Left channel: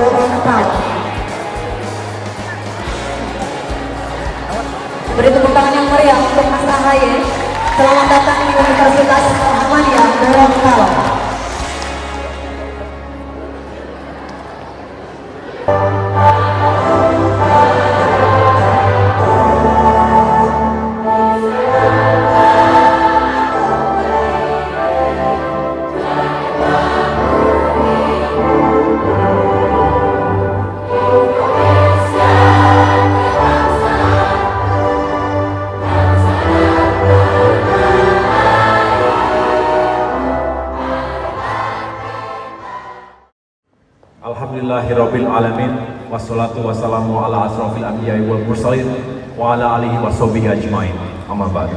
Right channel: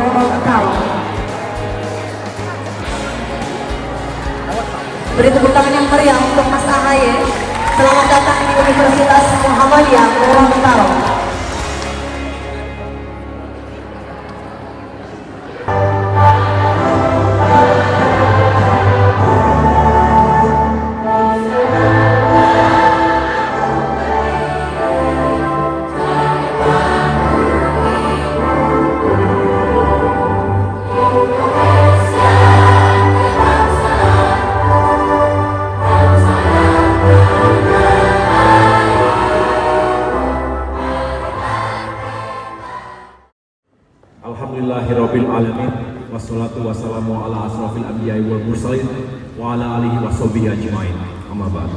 Gorontalo. Beri tepuk tangan yang meriah untuk Mas Ahaye. Selamat datang di Universitas Muhammadiyah Gorontalo. Alhamdulillahirabbil alamin wassalatu wassalamu ala asrofil anbiya'i wal mursalin wa ala alihi washabihi ajmain. Amma ba'd.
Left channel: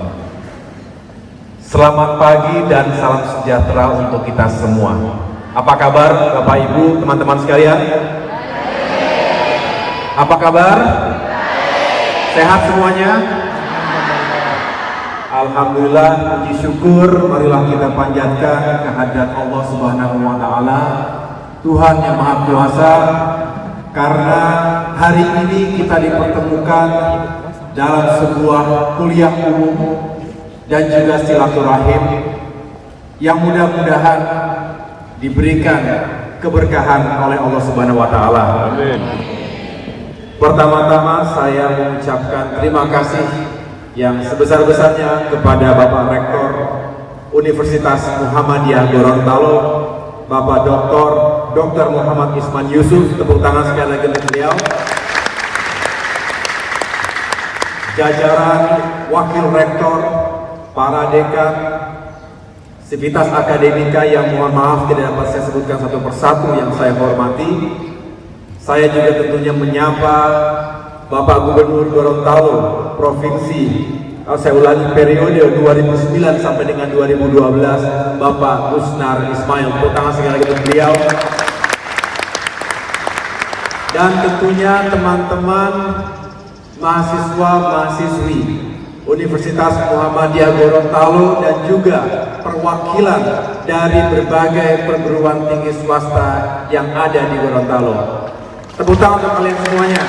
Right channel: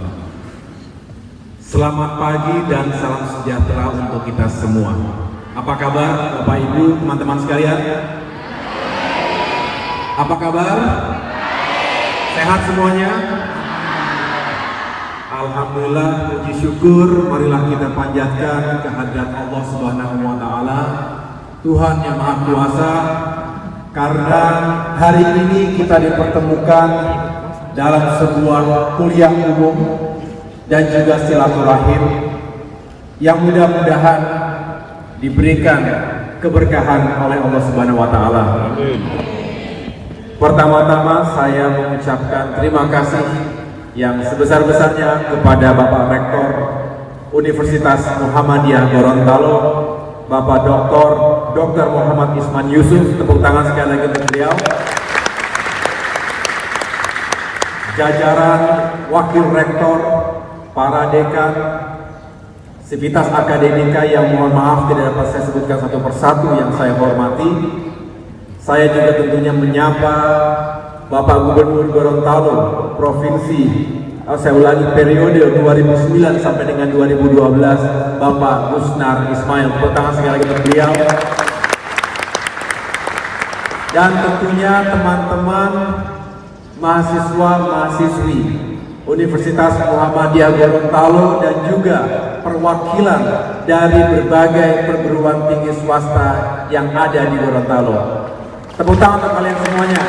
Selamat pagi dan salam sejahtera untuk kita semua. Apa kabar Bapak Ibu, teman-teman sekalian? Apa kabar? Sehat semuanya? Alhamdulillah, puji syukur marilah kita panjatkan kehadirat Allah Subhanahu wa taala, Tuhan yang Maha Kuasa, karena hari ini kita dipertemukan dalam sebuah kuliah umum dan juga silaturahim yang mudah-mudahan diberikan keberkahan oleh Allah Subhanahu wa taala. Amin. Pertama-tama saya mengucapkan terima kasih yang sebesar-besarnya kepada Bapak Rektor Universitas Muhammadiyah Gorontalo, Bapak Dr. Muhammad Isman Yusuf. Tepuk tangan sekali lagi untuk beliau. Jajaran Wakil Rektor, para dekan, sivitas akademika yang mohon maaf tidak dapat saya sebutkan satu persatu yang saya hormati. Saya juga tentunya menyapa Bapak Gubernur Gorontalo Provinsi, saya ulangi, periode 2009 sampai dengan 2012, Bapak Usnar Ismail. Tepuk tangan sekali lagi untuk beliau. Dan tentunya teman-teman mahasiswa-mahasiswi Universitas Muhammadiyah Gorontalo dan juga perwakilan dari berbagai perguruan tinggi swasta yang ada di Gorontalo. Tepuk tangan untuk kalian semuanya.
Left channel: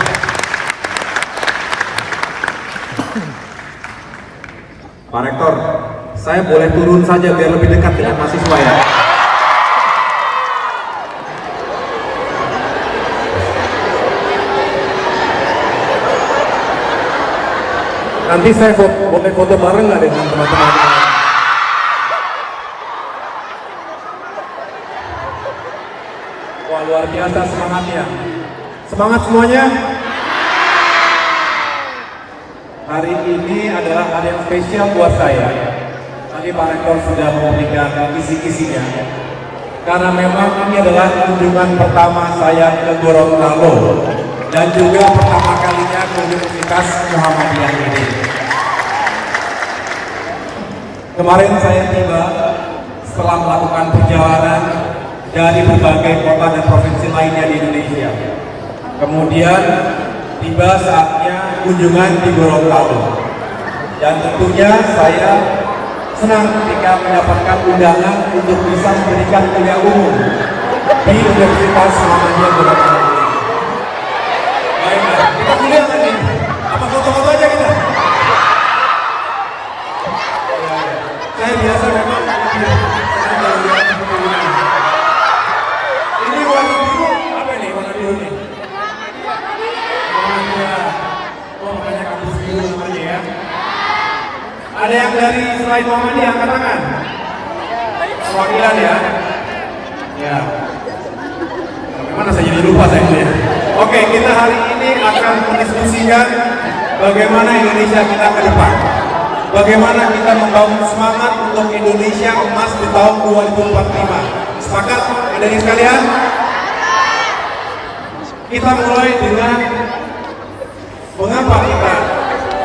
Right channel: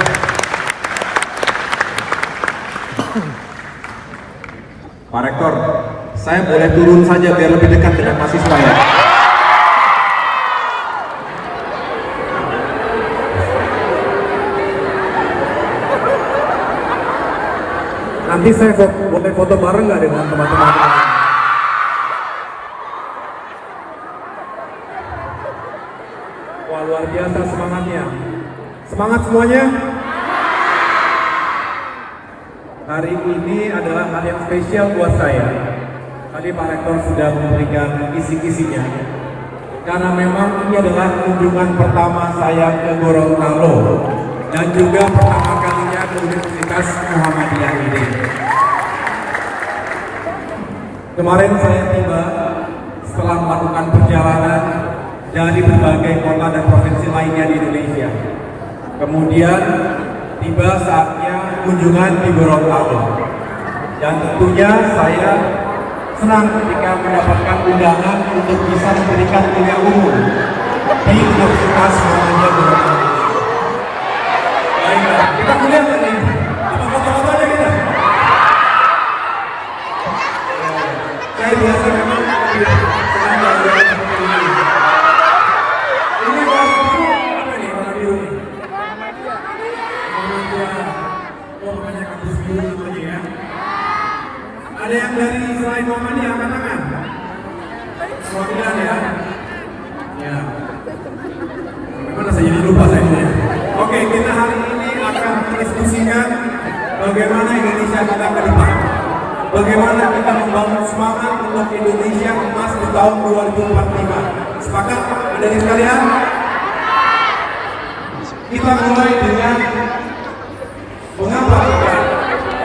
Pak Rektor, saya boleh turun saja biar lebih dekat dengan mahasiswa ya? Nanti saya boleh foto bareng nggak dengan teman-teman? Wah, luar biasa semangatnya. Semangat semuanya. Hari ini adalah hari yang spesial buat saya. Tadi Pak Rektor sudah memberikan kisi-kisinya. Karena memang ini adalah kunjungan pertama saya ke Gorontalo dan juga pertama kalinya ke Universitas Muhammadiyah ini. Kemarin saya tiba setelah melakukan perjalanan dari berbagai kota dan provinsi lainnya di Indonesia. Kemudian tiba saatnya kunjungan di Gorontalo, dan tentunya saya senang ketika mendapatkan undangan untuk bisa memberikan kuliah umum di Universitas Muhammadiyah Gorontalo. Baiklah, kita kuliah tadi. Apa foto-foto aja kita? Saya biasa memang senang jalan-jalan seperti ini. Ini warna biru, apa nih warna biru nih? Oh, banyak kampus biru namanya ya. Ada yang dari selain Muhammadiyah angkat tangan? Perwakilan ya? Ya. Bagaimana saya jadi lupa saya ya? Oke, kita hari ini akan mendiskusikan bagaimana Indonesia kita ke depan. Bagaimana kita membangun semangat untuk Indonesia emas di tahun 2045. Sepakat hadirin sekalian? Kita mulai dengan mengapa kita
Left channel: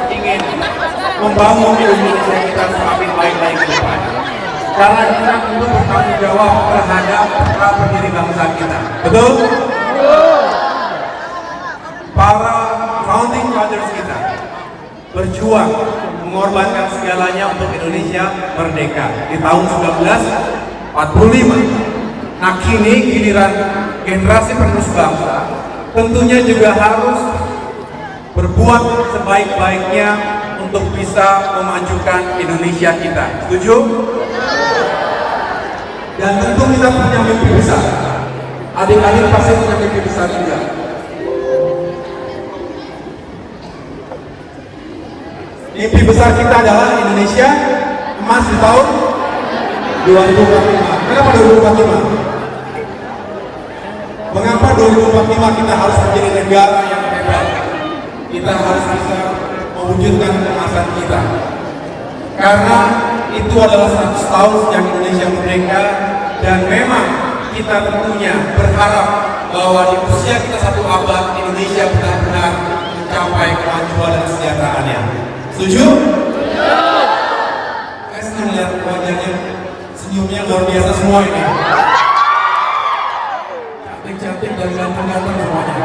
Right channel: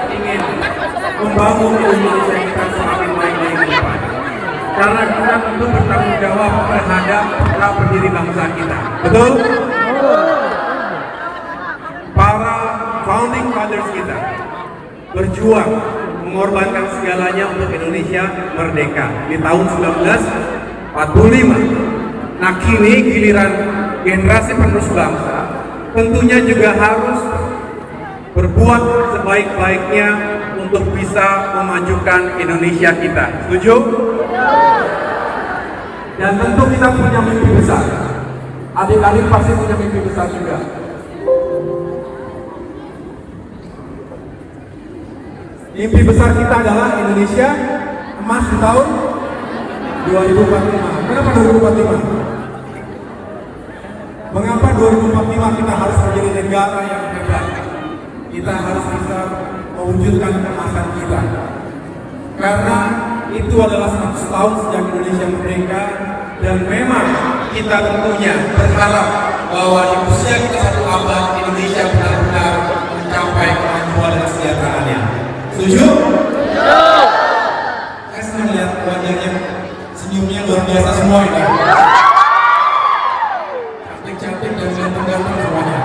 ingin membangun Indonesia kita semakin baik lagi ke depan. Karena kita perlu bertanggung jawab terhadap para pendiri bangsa kita. Betul? Para founding fathers kita berjuang mengorbankan segalanya untuk Indonesia merdeka di tahun 1945. Nah, kini giliran generasi penerus bangsa, tentunya juga harus berbuat sebaik-baiknya untuk bisa memajukan Indonesia kita. Setuju? Dan tentu kita punya mimpi besar. Adik-adik pasti punya mimpi besar juga. Mimpi besar kita adalah Indonesia emas di tahun 2045. Kenapa 2045? Mengapa 2045 kita harus menjadi negara yang hebat? Kita harus bisa mewujudkan kemasan kita. Karena itu adalah 100 tahun sejak Indonesia merdeka, dan memang kita tentunya berharap bahwa di usia kita 1 abad Indonesia benar-benar mencapai kemajuan dan kesejahteraannya. Setuju? Saya senang lihat wajahnya, senyumnya luar biasa semua ini. Cantik-cantik dan ganteng-ganteng semuanya.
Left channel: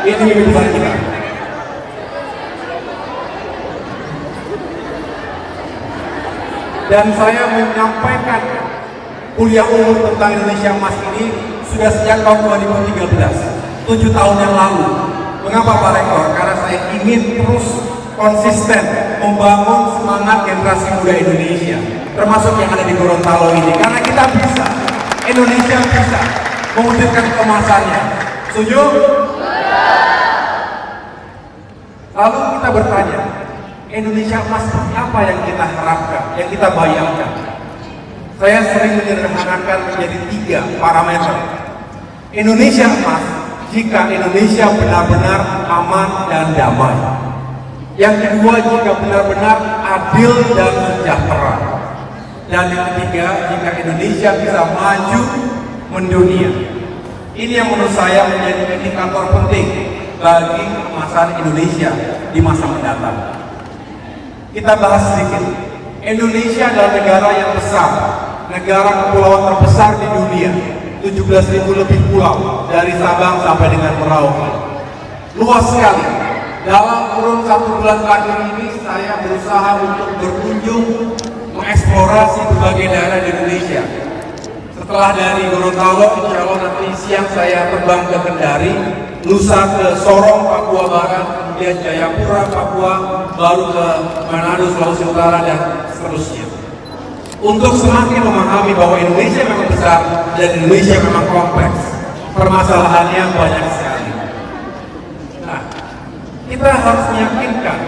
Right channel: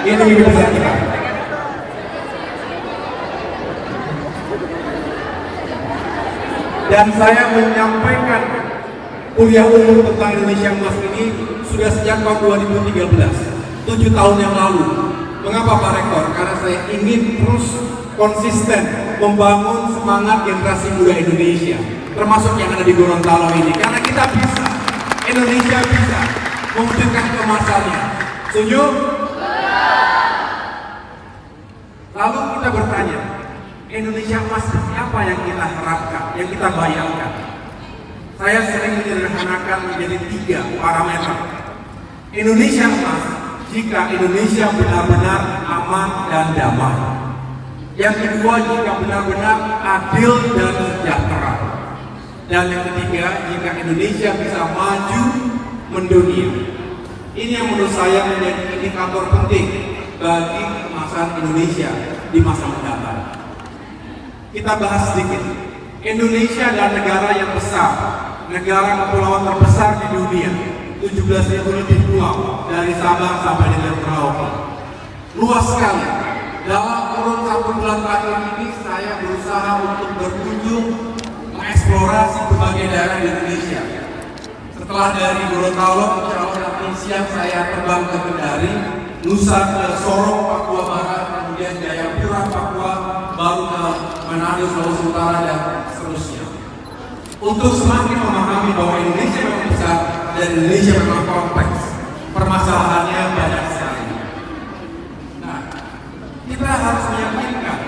Ini mimpi besar kita. Dan saya menyampaikan kuliah umum tentang Indonesia Emas ini sudah sejak tahun 2013. 7 tahun yang lalu. Mengapa Pak Rektor? Karena saya ingin terus konsisten membangun semangat generasi muda Indonesia, termasuk yang ada di Gorontalo ini. Karena kita bisa, Indonesia bisa mewujudkan kemasannya. Setuju? Lalu kita bertanya, Indonesia emas seperti apa yang kita harapkan, yang kita bayangkan? Saya sering menyederhanakan menjadi 3 parameter. Indonesia emas jika Indonesia benar-benar aman dan damai. Yang kedua, jika benar-benar adil dan sejahtera. Dan yang ketiga, jika Indonesia bisa maju mendunia. Ini yang menurut saya menjadi indikator penting bagi kemasan Indonesia di masa mendatang. Kita bahas sedikit. Indonesia adalah negara yang besar, negara kepulauan terbesar di dunia. 17.000 lebih pulau dari Sabang sampai dengan Merauke. Luas sekali. Dalam kurun 1 bulan terakhir ini saya berusaha untuk berkunjung mengeksplorasi berbagai daerah di Indonesia. Setelah dari Gorontalo, insya Allah nanti siang saya terbang ke Kendari, lusa ke Sorong, Papua Barat, kemudian Jayapura, Papua, baru ke Manado, Sulawesi Utara, dan seterusnya. Untuk semakin memahami bahwa Indonesia memang besar dan Indonesia memang kompleks, permasalahannya banyak sekali. Nah, kita harus meyakinkan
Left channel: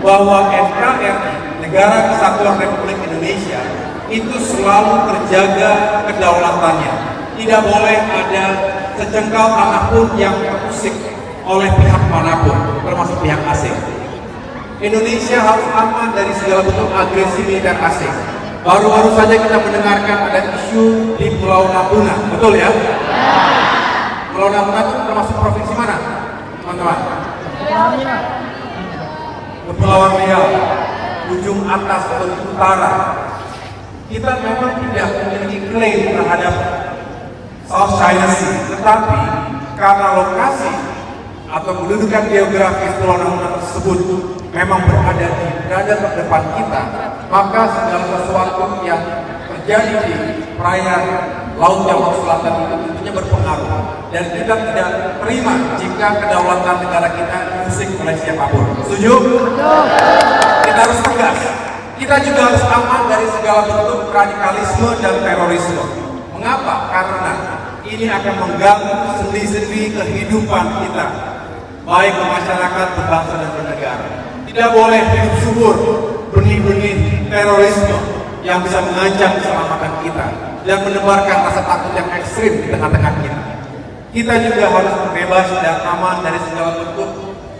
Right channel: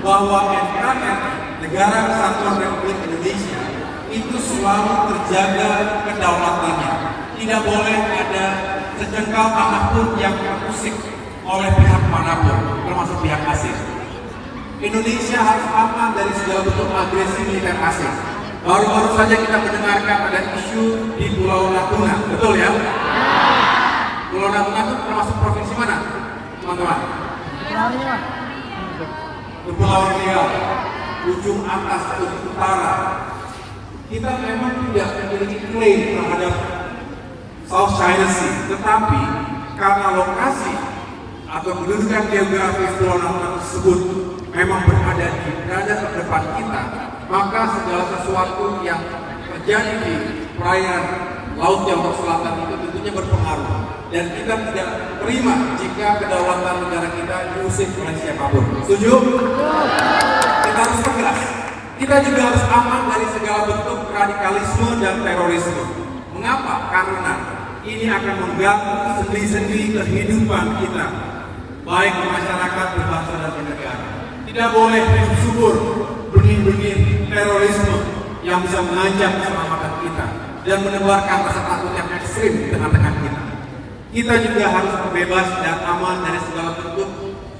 bahwa NKRI, Negara Kesatuan Republik Indonesia, itu selalu terjaga kedaulatannya. Tidak boleh ada sejengkal tanah pun yang terusik oleh pihak manapun, termasuk pihak asing. Indonesia harus aman dari segala bentuk agresi militer asing. Baru-baru saja kita mendengarkan ada isu di Pulau Natuna, betul ya? Pulau Natuna itu termasuk provinsi mana, teman-teman? Kepulauan Riau, ujung atas ujung utara. Kita memang tidak memiliki klaim terhadap South China Sea, tetapi karena lokasi atau kedudukan geografis Pulau Natuna tersebut memang berada di dada terdepan kita, maka segala sesuatu yang terjadi di perairan Laut Jawa Selatan itu tentunya berpengaruh, dan kita tidak terima jika kedaulatan negara kita diusik oleh siapapun. Setuju? Kita harus tegas. Kita juga harus aman dari segala bentuk radikalisme dan terorisme. Mengapa? Karena ini akan mengganggu sendi-sendi kehidupan kita, baik masyarakat, berbangsa dan bernegara. Tidak boleh hidup subur benih-benih terorisme yang bisa mengancam keselamatan kita dan menebarkan rasa takut yang ekstrim di tengah-tengah kita. Kita juga harus bebas dan aman dari segala bentuk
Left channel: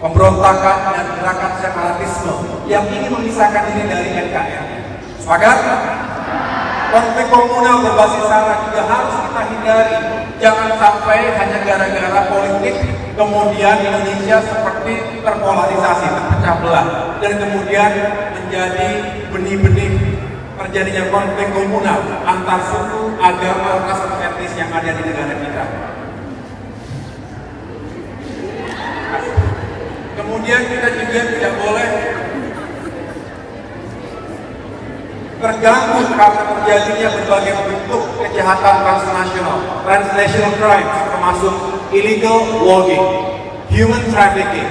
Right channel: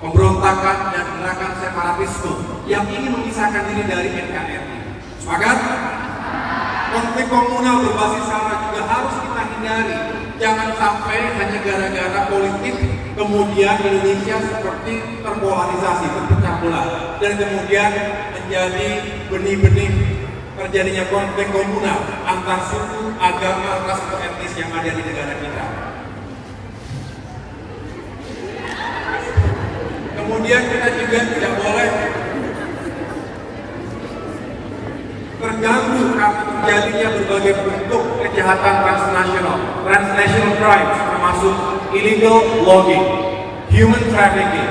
pemberontakan dan gerakan separatisme yang ingin memisahkan diri dari NKRI. Sepakat? Konflik komunal berbasis sara juga harus kita hindari. Jangan sampai hanya gara-gara politik kemudian Indonesia seperti terpolarisasi, terpecah belah, dan kemudian menjadi benih-benih terjadinya konflik komunal antar suku, agama, ras, atau etnis yang ada di negara kita. Kemudian kita juga tidak boleh terganggu karena terjadinya berbagai bentuk kejahatan transnational crimes, termasuk illegal logging, human trafficking,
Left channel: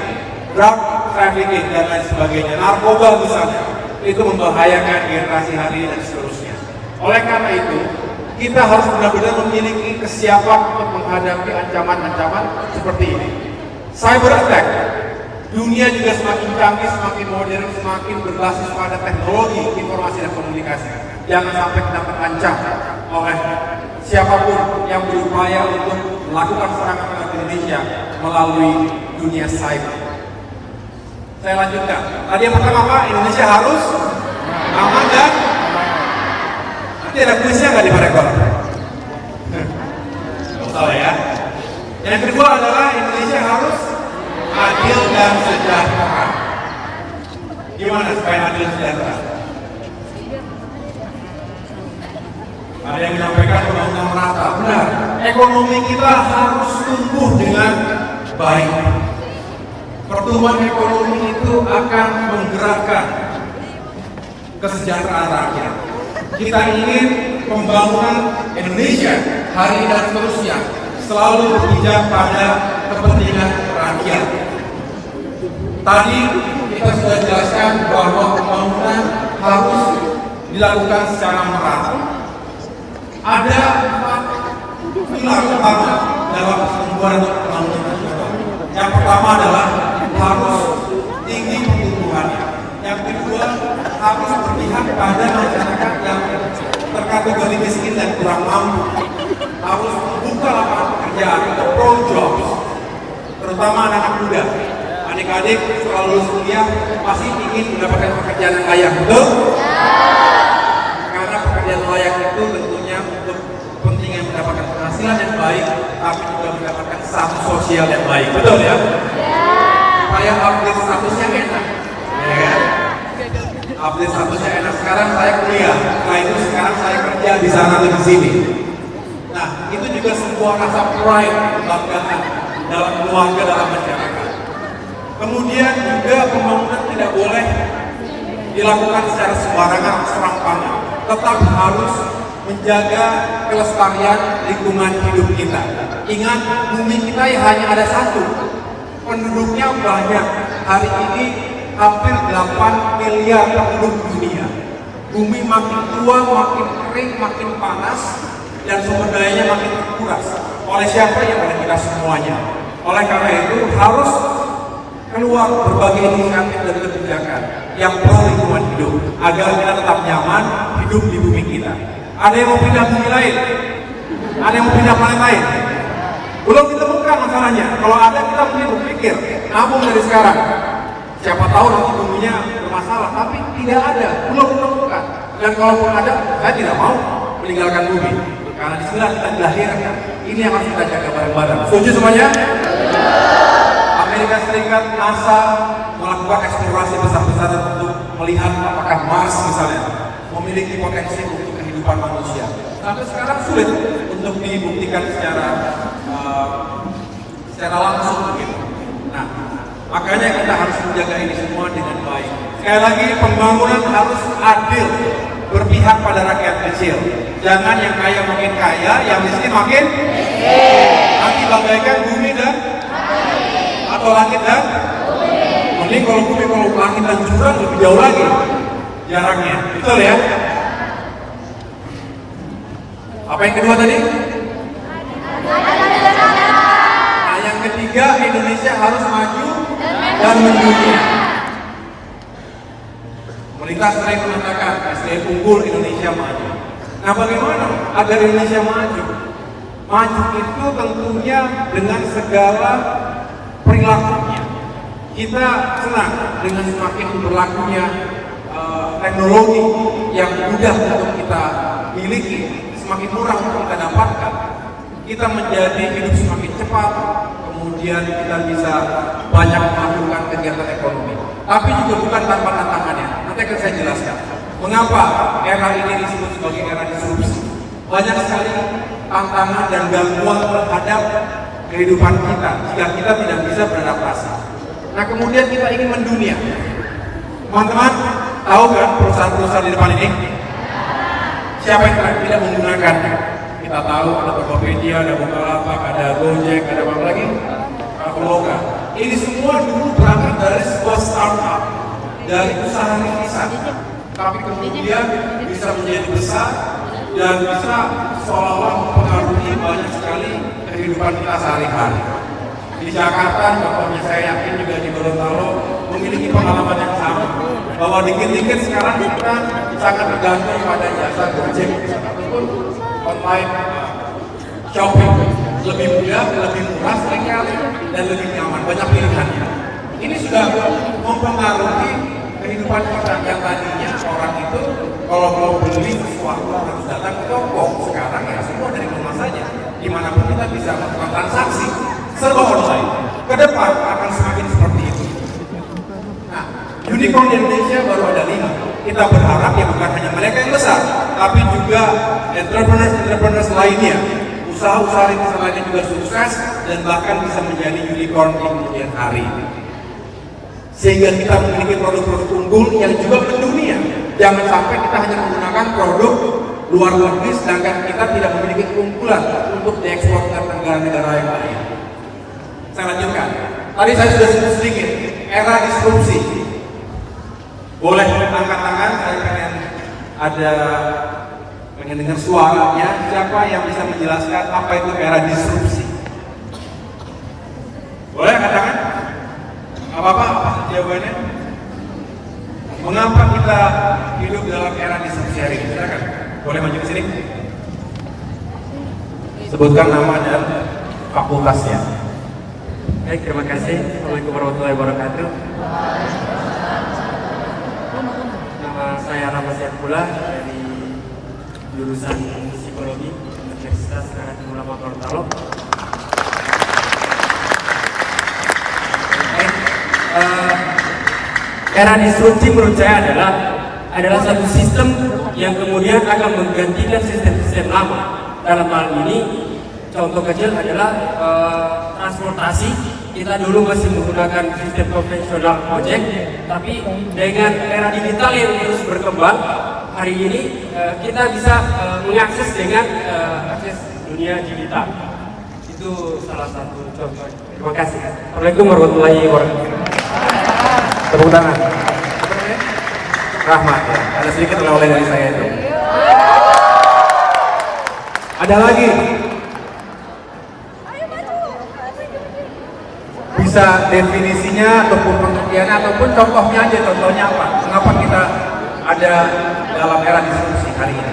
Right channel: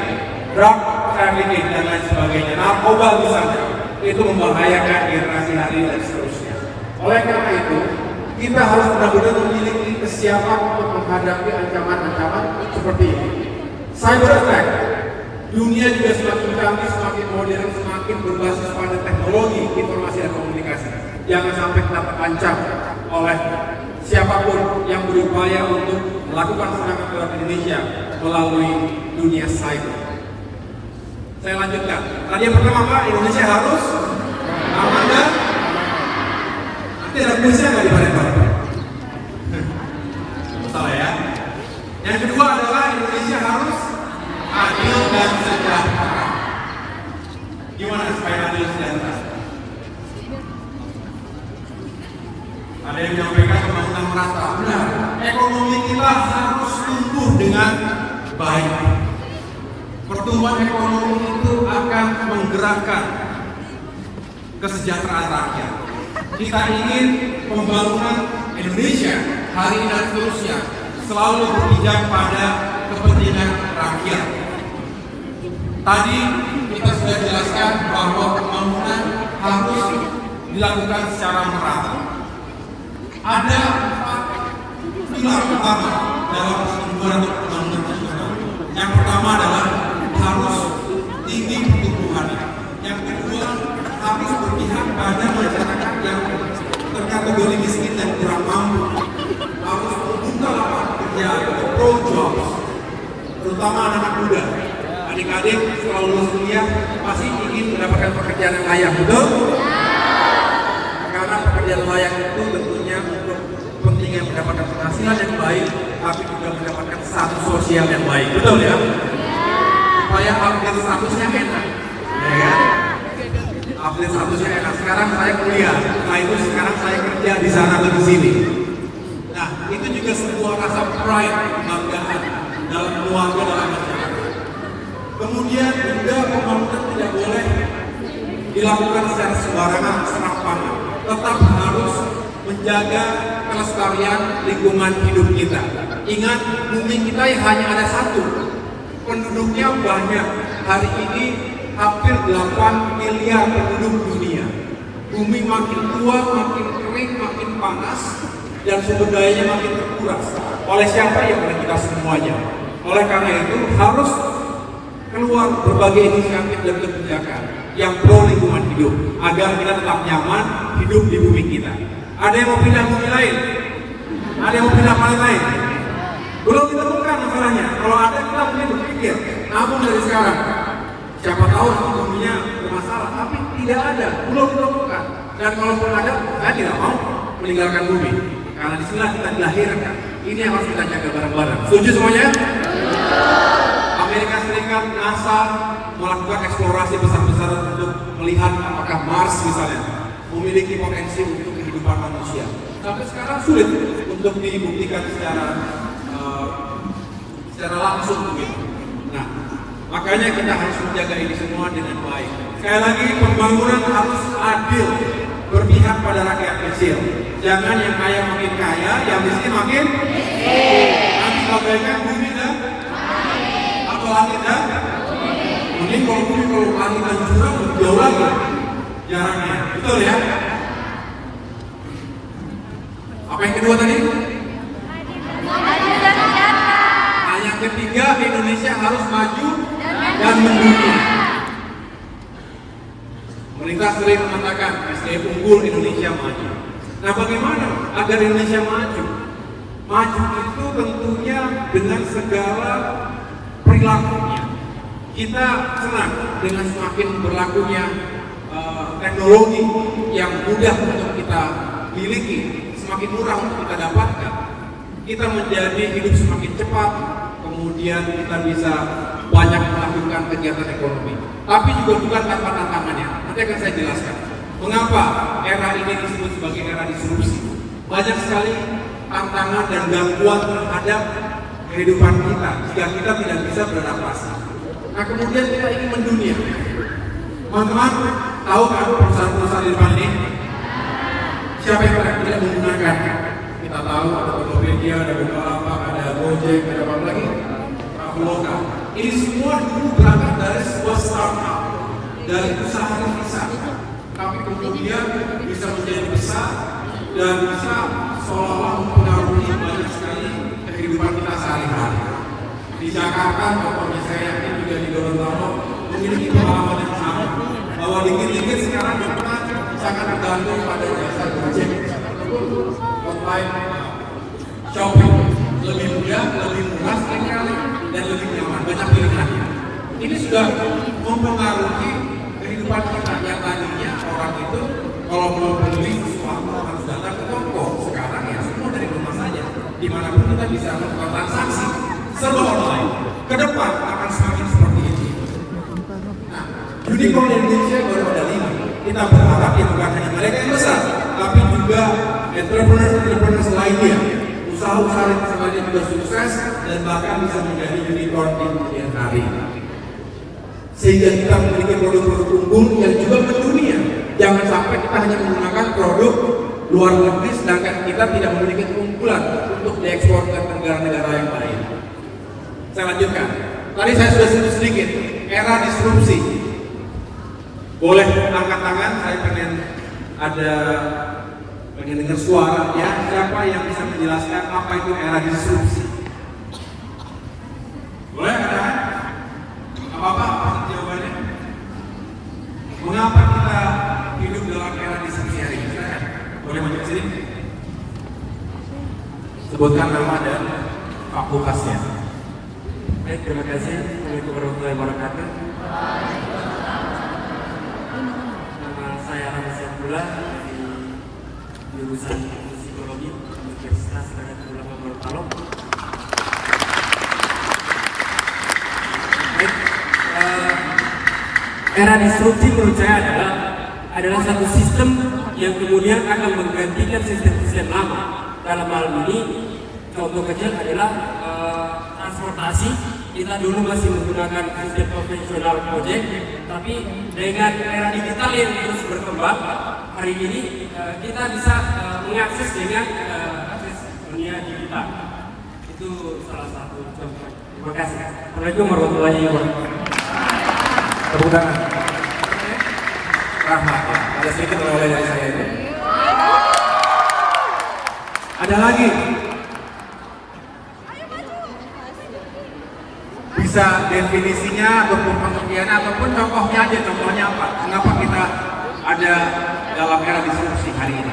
drug trafficking, dan lain sebagainya, narkoba misalnya, itu membahayakan generasi hari ini dan seterusnya. Oleh karena itu, kita harus benar-benar memiliki kesiapan untuk menghadapi ancaman-ancaman seperti ini. Cyber attack, dunia juga semakin canggih, semakin modern, semakin berbasis pada teknologi informasi dan komunikasi. Jangan sampai kita terancam oleh siapapun yang berupaya untuk melakukan serangan terhadap Indonesia melalui dunia cyber. Saya lanjutkan. Tadi yang pertama Pak, Indonesia harus aman dan nanti ada kuisnya nggak di rekor? Nggak usah ya. Yang kedua adalah Indonesia harus adil dan sejahtera. Gimana supaya adil dan sejahtera? Ada yang menyampaikan pembangunan merata. Benar, ekonomi kita harus tumbuh dengan baik. Pertumbuhan ekonomi itu akan menggerakkan kesejahteraan rakyat. Kita ingin pembangunan Indonesia hari ini dan seterusnya selalu berpijak pada kepentingan rakyat. Tadi kita sudah jelaskan bahwa pembangunan harus dilakukan secara merata. Ada 4 pilar utama dalam pertumbuhan dan pembangunan nasional. Yang pertama adalah harus tinggi pertumbuhannya. Yang kedua harus berpihak pada masyarakat yang terkategori miskin dan kurang mampu. Harus membuka lapangan pekerjaan atau pro-jobs, terutama anak-anak muda. Adik-adik setelah lulus kuliah pasti ingin mendapatkan pekerjaan yang layak, betul? Karena pekerjaan layak itu tentunya untuk kepentingan mendapatkan penghasilan yang baik, tapi juga mendapatkan status sosial yang baik, betul ya? Supaya update statusnya enak, ya. Update statusnya enak. Sekarang saya kuliah, setelah itu sekarang saya kerja di sana atau di sini. Nah, itu juga sebuah rasa pride, kebanggaan dalam keluarga, dalam masyarakat. Kemudian juga pembangunan tidak boleh dilakukan secara sembarangan atau serampangan. Tetap harus menjaga kelestarian lingkungan hidup kita. Ingat, bumi kita hanya ada satu. Penduduknya banyak. Hari ini hampir 8 miliar penduduk dunia. Bumi makin tua, makin kering, makin panas, dan sumber dayanya makin terkuras. Oleh siapa? Ya oleh kita semuanya. Oleh karena itu harus keluar berbagai inisiatif dan kebijakan yang pro lingkungan hidup agar kita tetap nyaman hidup di bumi kita. Ada yang mau pindah bumi lain? Ada yang mau pindah planet lain? Belum ditemukan masalahnya. Kalau ada kita mungkin berpikir, namun dari sekarang siapa tahu nanti buminya bermasalah, tapi tidak ada, belum ditemukan. Dan kalaupun ada, saya tidak mau meninggalkan bumi. Karena di sini kita dilahirkan. Ini yang harus kita jaga bareng-bareng. Setuju semuanya? Amerika Serikat, NASA melakukan eksplorasi besar-besaran untuk melihat apakah Mars misalnya memiliki potensi untuk kehidupan manusia. Sampai sekarang sulit untuk dibuktikan secara langsung begitu. Nah, makanya kita harus menjaga ini semua dengan baik. Sekali lagi, pembangunan harus adil, berpihak pada rakyat kecil. Jangan yang kaya makin kaya, yang miskin makin nanti bagaikan bumi dan atau langit dan mending kalau bumi, kalau langit dan jurang lebih jauh lagi jaraknya, betul ya? Apa yang kedua tadi? Nah, yang ketiga, Indonesia harus maju dan mendunia. Pemerintah sering mengatakan SDM unggul, Indonesia maju. Nah, bagaimana agar Indonesia maju? Maju itu tentunya dengan segala perilakunya. Kita senang dengan semakin berlakunya teknologi yang mudah untuk kita miliki, semakin murah untuk kita dapatkan. Kita menjadi hidup semakin cepat, kemudian kita bisa banyak melakukan kegiatan ekonomi. Tapi juga bukan tanpa tantangannya. Nanti akan saya jelaskan mengapa era ini disebut sebagai era disrupsi. Banyak sekali tantangan dan gangguan terhadap kehidupan kita jika kita tidak bisa beradaptasi. Nah, kemudian kita ingin mendunia. Teman-teman tahu kan perusahaan-perusahaan di depan ini? Siapa yang tidak menggunakan? Kita tahu ada Tokopedia, ada Bukalapak, ada Gojek, ada apa lagi? Traveloka. Ini semua dulu berangkat dari sebuah startup, dari usaha rintisan, tapi kemudian bisa menjadi besar dan bisa seolah-olah mempengaruhi banyak sekali kehidupan kita sehari-hari. Di Jakarta, contohnya saya yakin juga di Gorontalo memiliki pengalaman yang sama, bahwa dikit-dikit sekarang kita sangat tergantung pada jasa Gojek ataupun online shopping. Lebih mudah, lebih murah sekali, dan lebih nyaman, banyak pilihan. Ini sudah mempengaruhi kehidupan kita yang tadinya orang itu kalau mau beli sesuatu harus datang ke toko. Sekarang ya semua dari rumah saja, dimanapun kita bisa melakukan transaksi serba online. Ke depan akan semakin seperti itu. Nah, unicorn di Indonesia baru ada 5. Kita berharap ya bukan hanya mereka yang besar, tapi juga entrepreneurs lainnya, usaha-usaha yang lainnya juga sukses dan bahkan bisa menjadi unicorn di kemudian hari. Sehingga kita memiliki produk-produk unggul yang juga mendunia. Jangan sampai kita hanya menggunakan produk luar negeri sedangkan kita tidak memiliki keunggulan untuk diekspor ke negara-negara yang lain. Saya lanjutkan. Tadi saya sudah sebut sedikit era disrupsi. Boleh angkat tangan, saya pengen dengar suara ya. Siapa yang bisa menjelaskan apa itu era disrupsi? Boleh angkat tangan? Apa jawabannya? Mengapa kita hidup dalam era disrupsi hari ini? Silakan. Boleh maju ke sini? Sebutkan nama dan fakultasnya. Baik, terima kasih. Assalamualaikum warahmatullahi wabarakatuh. Nama saya Rama Syafullah dari jurusan Psikologi Universitas Karajan Ulama Gorontalo. Baik, era disrupsi menurut saya adalah satu sistem yang kemudian akan menggantikan sistem-sistem lama. Dalam hal ini, contoh kecil adalah transportasi. Kita dulu masih menggunakan sistem konvensional ojek, tapi dengan era digital yang terus berkembang, hari ini kita bisa mengakses dengan akses dunia digital. Itu salah satu contoh. Terima kasih. Assalamualaikum warahmatullahi wabarakatuh. Tepuk tangan. Rahmat ya. Ada sedikit oleh dari saya itu. Ada lagi. Bisa definisinya ataupun pengertiannya ataupun contohnya aja, contohnya apa? Mengapa kita ada dalam era disrupsi hari ini?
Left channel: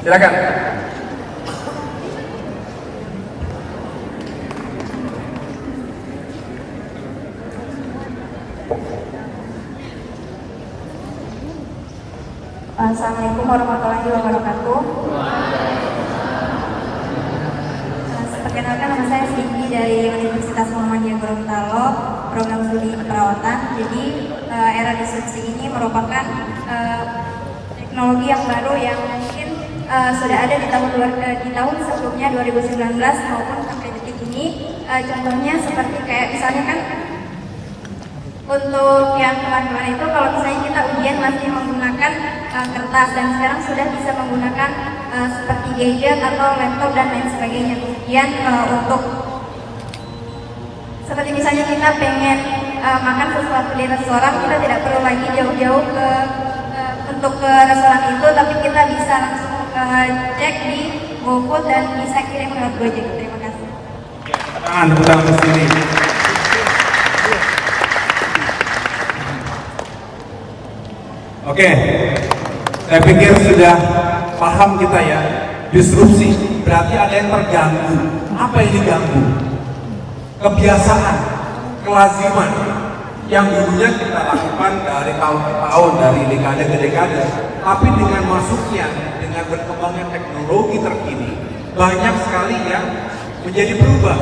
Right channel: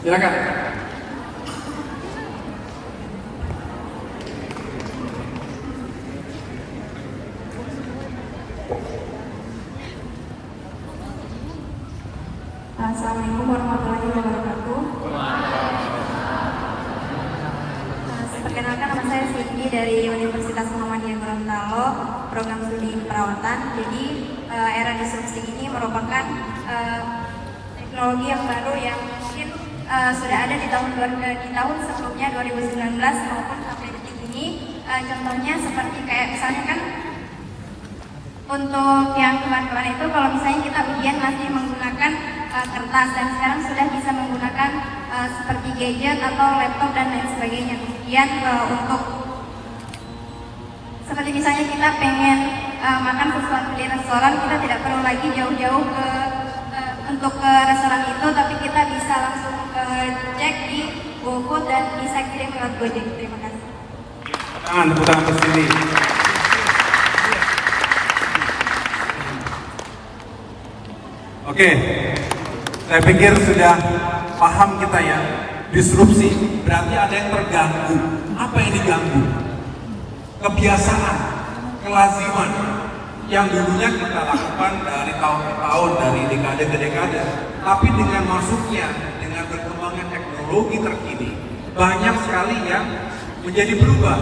Silakan. Assalamualaikum warahmatullahi wabarakatuh. Perkenalkan, nama saya Siti dari Universitas Muhammadiyah Gorontalo, program studi keperawatan. Jadi era disrupsi ini merupakan teknologi yang baru yang mungkin sudah ada di tahun sebelumnya 2019 maupun sampai detik ini. Contohnya seperti kayak misalnya kan untuk yang kemarin-kemarin itu kalau misalnya kita ujian masih menggunakan kertas dan sekarang sudah bisa menggunakan seperti gadget atau laptop dan lain sebagainya. Kemudian untuk seperti misalnya kita pengen makan sesuatu di restoran, kita tidak perlu lagi jauh-jauh untuk ke restoran itu, tapi kita bisa langsung cek di GoFood dan bisa kirim lewat Gojek. Terima kasih. Tepuk tangan sendiri. Oke, saya pikir sudah paham kita ya. Disrupsi berarti ada yang terganggu. Apa yang diganggu? Kebiasaan, kelaziman yang dulunya kita lakukan dari tahun ke tahun, dari dekade ke dekade. Tapi dengan masuknya, dengan berkembangnya teknologi terkini, banyak sekali yang menjadi berubah.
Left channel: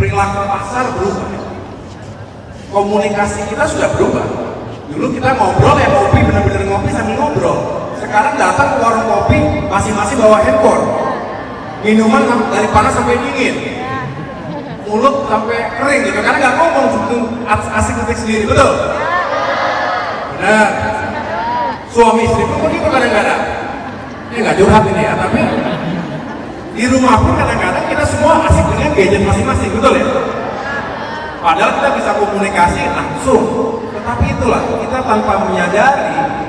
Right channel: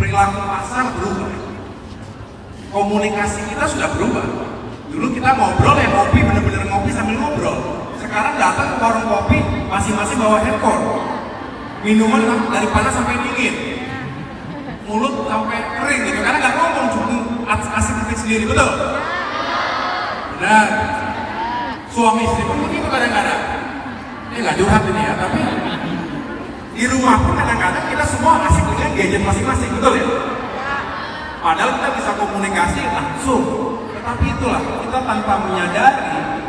Perilaku pasar berubah. Komunikasi kita sudah berubah. Dulu kita ngobrol ya, ngopi, bener-bener ngopi sambil ngobrol. Sekarang datang ke warung kopi, masing-masing bawa handphone. Minuman dari panas sampai dingin. Mulut sampai kering gitu, karena nggak ngomong, cuma asik ketik sendiri, betul? Benar. Suami istri pun begitu kadang-kadang. Ini nggak curhat ini ya, tapi di rumah pun kadang-kadang kita semua asik dengan gadget masing-masing, betul ya? Padahal kita bisa komunikasi langsung, tetapi itulah kita tanpa menyadari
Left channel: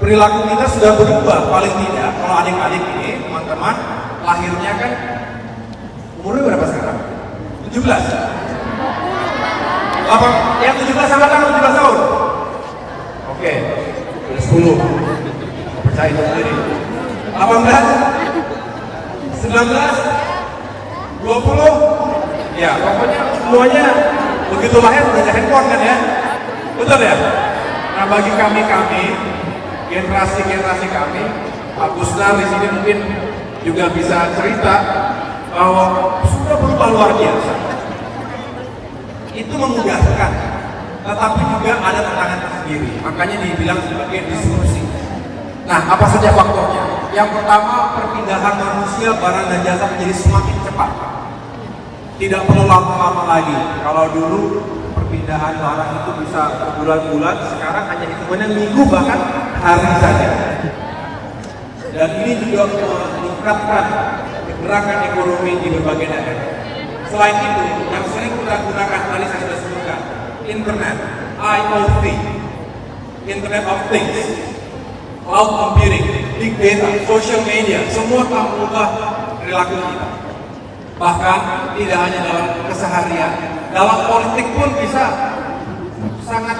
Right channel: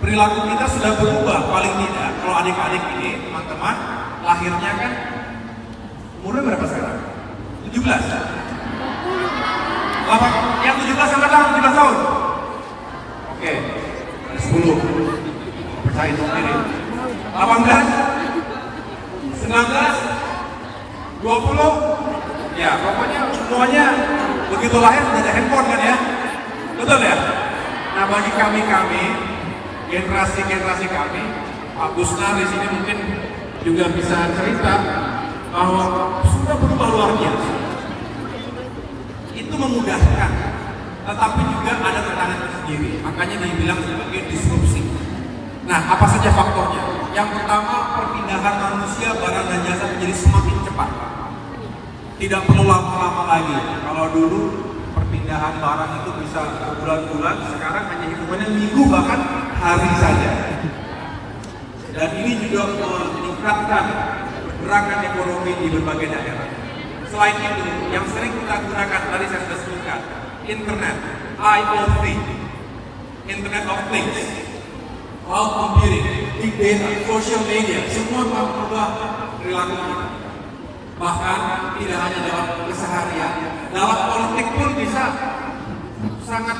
perilaku kita sudah berubah. Paling tidak kalau adik-adik ini teman-teman lahirnya kan umurnya berapa sekarang? 17. Apa? Yang 17 angkatan 17 tahun? Oke, 10. Percaya sendiri. 18, 19, 20. Ya, pokoknya semuanya begitu lahir punya handphone kan ya? Betul ya? Nah, bagi kami generasi kami, Pak Guslar di sini mungkin juga bisa cerita bahwa sudah berubah luar biasa. Itu memudahkan, tetapi juga ada tantangan sendiri. Makanya dibilang sebagai disrupsi. Nah, apa saja faktornya? Yang pertama, perpindahan manusia, barang dan jasa menjadi semakin cepat. Tidak perlu lama-lama lagi. Kalau dulu perpindahan barang itu bisa bulan-bulan, sekarang hanya hitungannya minggu bahkan hari saja. Dan ini juga meningkatkan pergerakan ekonomi di berbagai daerah. Selain itu, yang sering kita gunakan tadi saya sudah sebutkan, internet, IoT, Internet of Things, cloud computing, big data, social media, semua telah mengubah perilaku kita. Bahkan tidak hanya dalam keseharian, dalam politik pun bisa sangat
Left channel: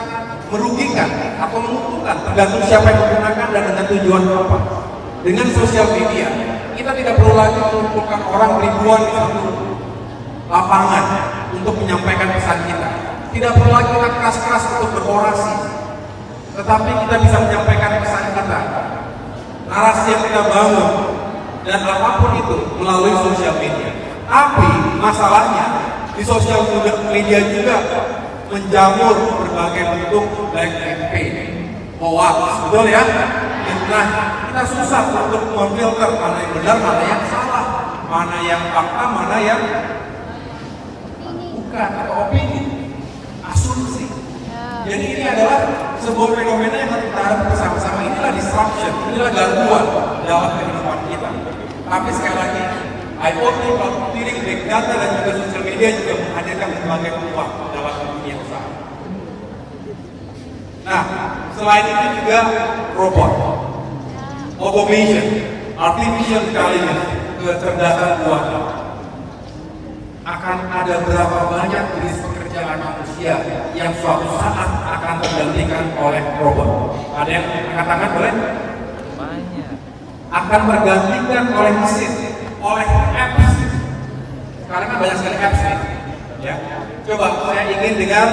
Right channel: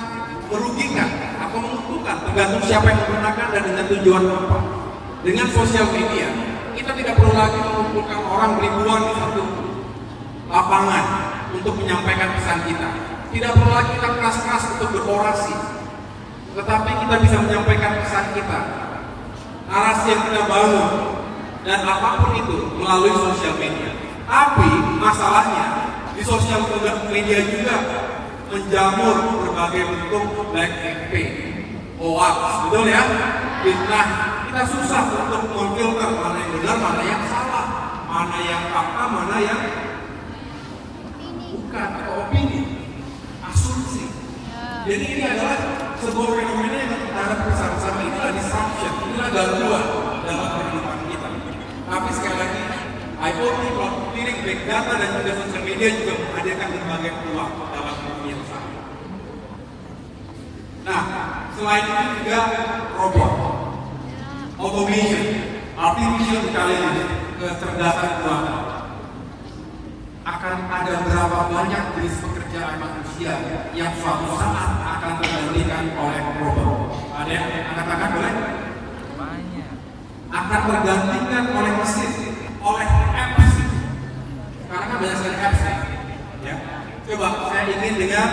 merugikan atau menguntungkan, tergantung siapa yang menggunakan dan dengan tujuan apa. Dengan sosial media, kita tidak perlu lagi mengumpulkan orang ribuan di satu lapangan untuk menyampaikan pesan kita. Tidak perlu lagi kita keras-keras untuk berorasi, tetapi kita bisa menyampaikan pesan kita, narasi yang kita bangun, dan apapun itu melalui sosial media. Tapi masalahnya di sosial media juga menjamur berbagai bentuk black campaign, hoax, betul ya? Nah, kita susah untuk memfilter mana yang benar, mana yang salah, mana yang fakta, mana yang bukan, atau opini, asumsi. Jadi ini adalah sebuah fenomena yang kita hadapi bersama-sama. Inilah disruption, inilah gangguan dalam kehidupan kita. Tapi sekali lagi, IoT, cloud computing, big data, dan juga sosial media juga menghadirkan berbagai peluang dalam dunia usaha. Nah, selain itu juga robot, automation, artificial intelligence, kecerdasan buatan. Akan ada berapa banyak jenis pekerjaan manusia yang suatu saat akan tergantikan oleh robot? Ada yang angkat tangan boleh? Akan tergantikan oleh mesin, oleh apps. Sekarang kan banyak sekali apps ya. Coba saya ingin dengar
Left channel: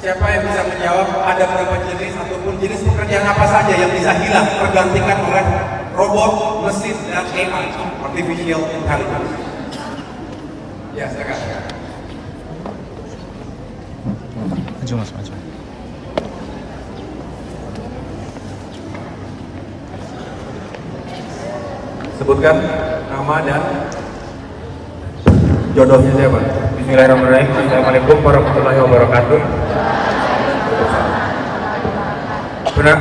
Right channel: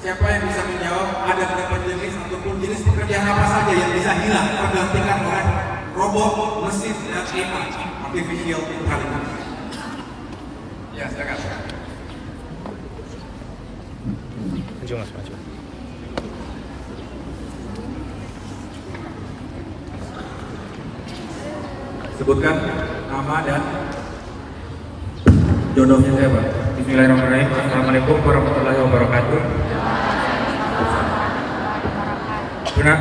siapa yang bisa menjawab ada berapa jenis ataupun jenis pekerjaan apa saja yang bisa hilang tergantikan oleh robot, mesin, dan AI, artificial intelligence. Ya, silakan. Maju mas, maju. Sebutkan nama dan jodohnya siapa? Bismillahirrahmanirrahim. Assalamualaikum warahmatullahi wabarakatuh.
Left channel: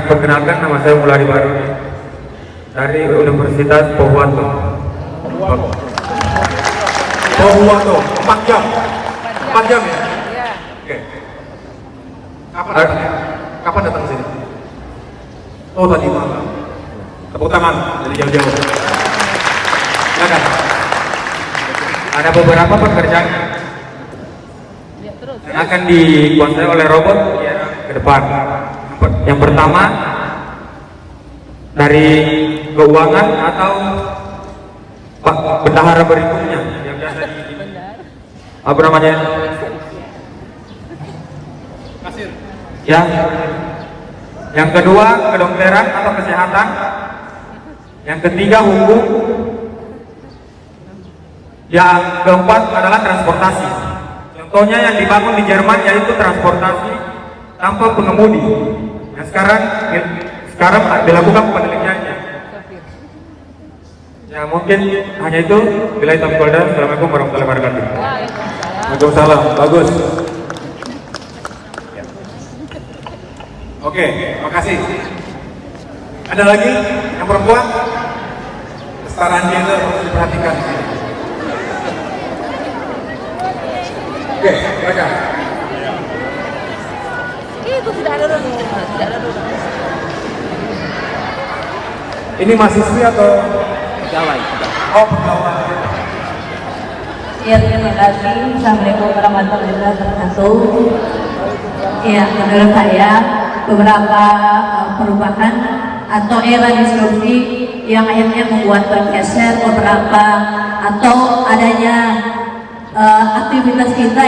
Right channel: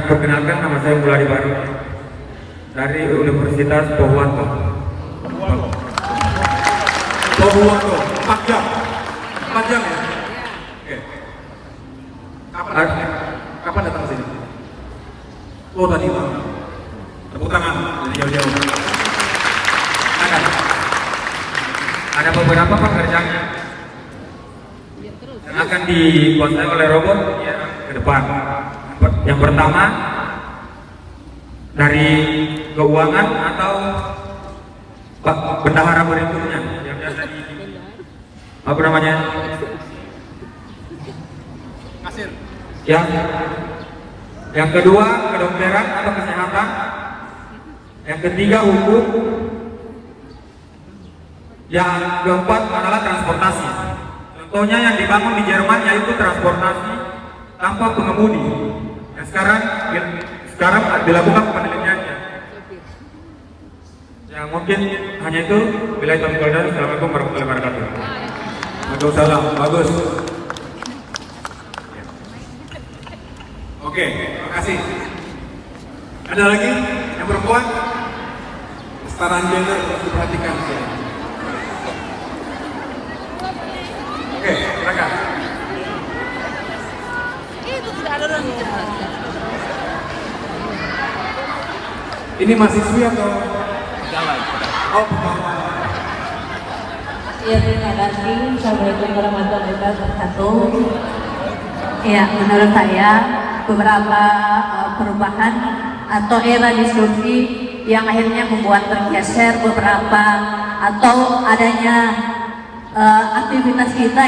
Perkenalkan, nama saya Muladi Bari dari Universitas Pohuwato. Pohuwato, 4 jam. 4 jam ya? Oke. Kapan datang ke sini? Oh, tadi malam. Tepuk tangan dari jauh-jauh. Silakan. Ada beberapa pekerjaan yang akan dikuasai oleh robot ya, ke depan. Yang pertama dari keuangan atau bendahara berikutnya yang biasa apa namanya? Kasir. Ya. Yang kedua kedokteran atau kesehatan. Yang ketiga hukum. Yang keempat adalah transportasi. Contohnya yang dibangun di Jerman yaitu transportasi tanpa pengemudi. Yang sekarang dilakukan penelitiannya. Ya mungkin hanya itu. Bila itu Assalamualaikum warahmatullahi wabarakatuh. Waalaikumsalam, bagus. Oke, terima kasih. Ada lagi yang perempuan? Kesetaraan gender harus diperhatikan. Oke, mereka. Ini mahasiswi atau pegawai? Oh, pegawai. Ya, terima kasih. Assalamualaikum warahmatullahi wabarakatuh. Ya, menurut saya beberapa perubahan atau era disrupsi yang akhirnya membuat bergeser beberapa atau adanya aktivitas kita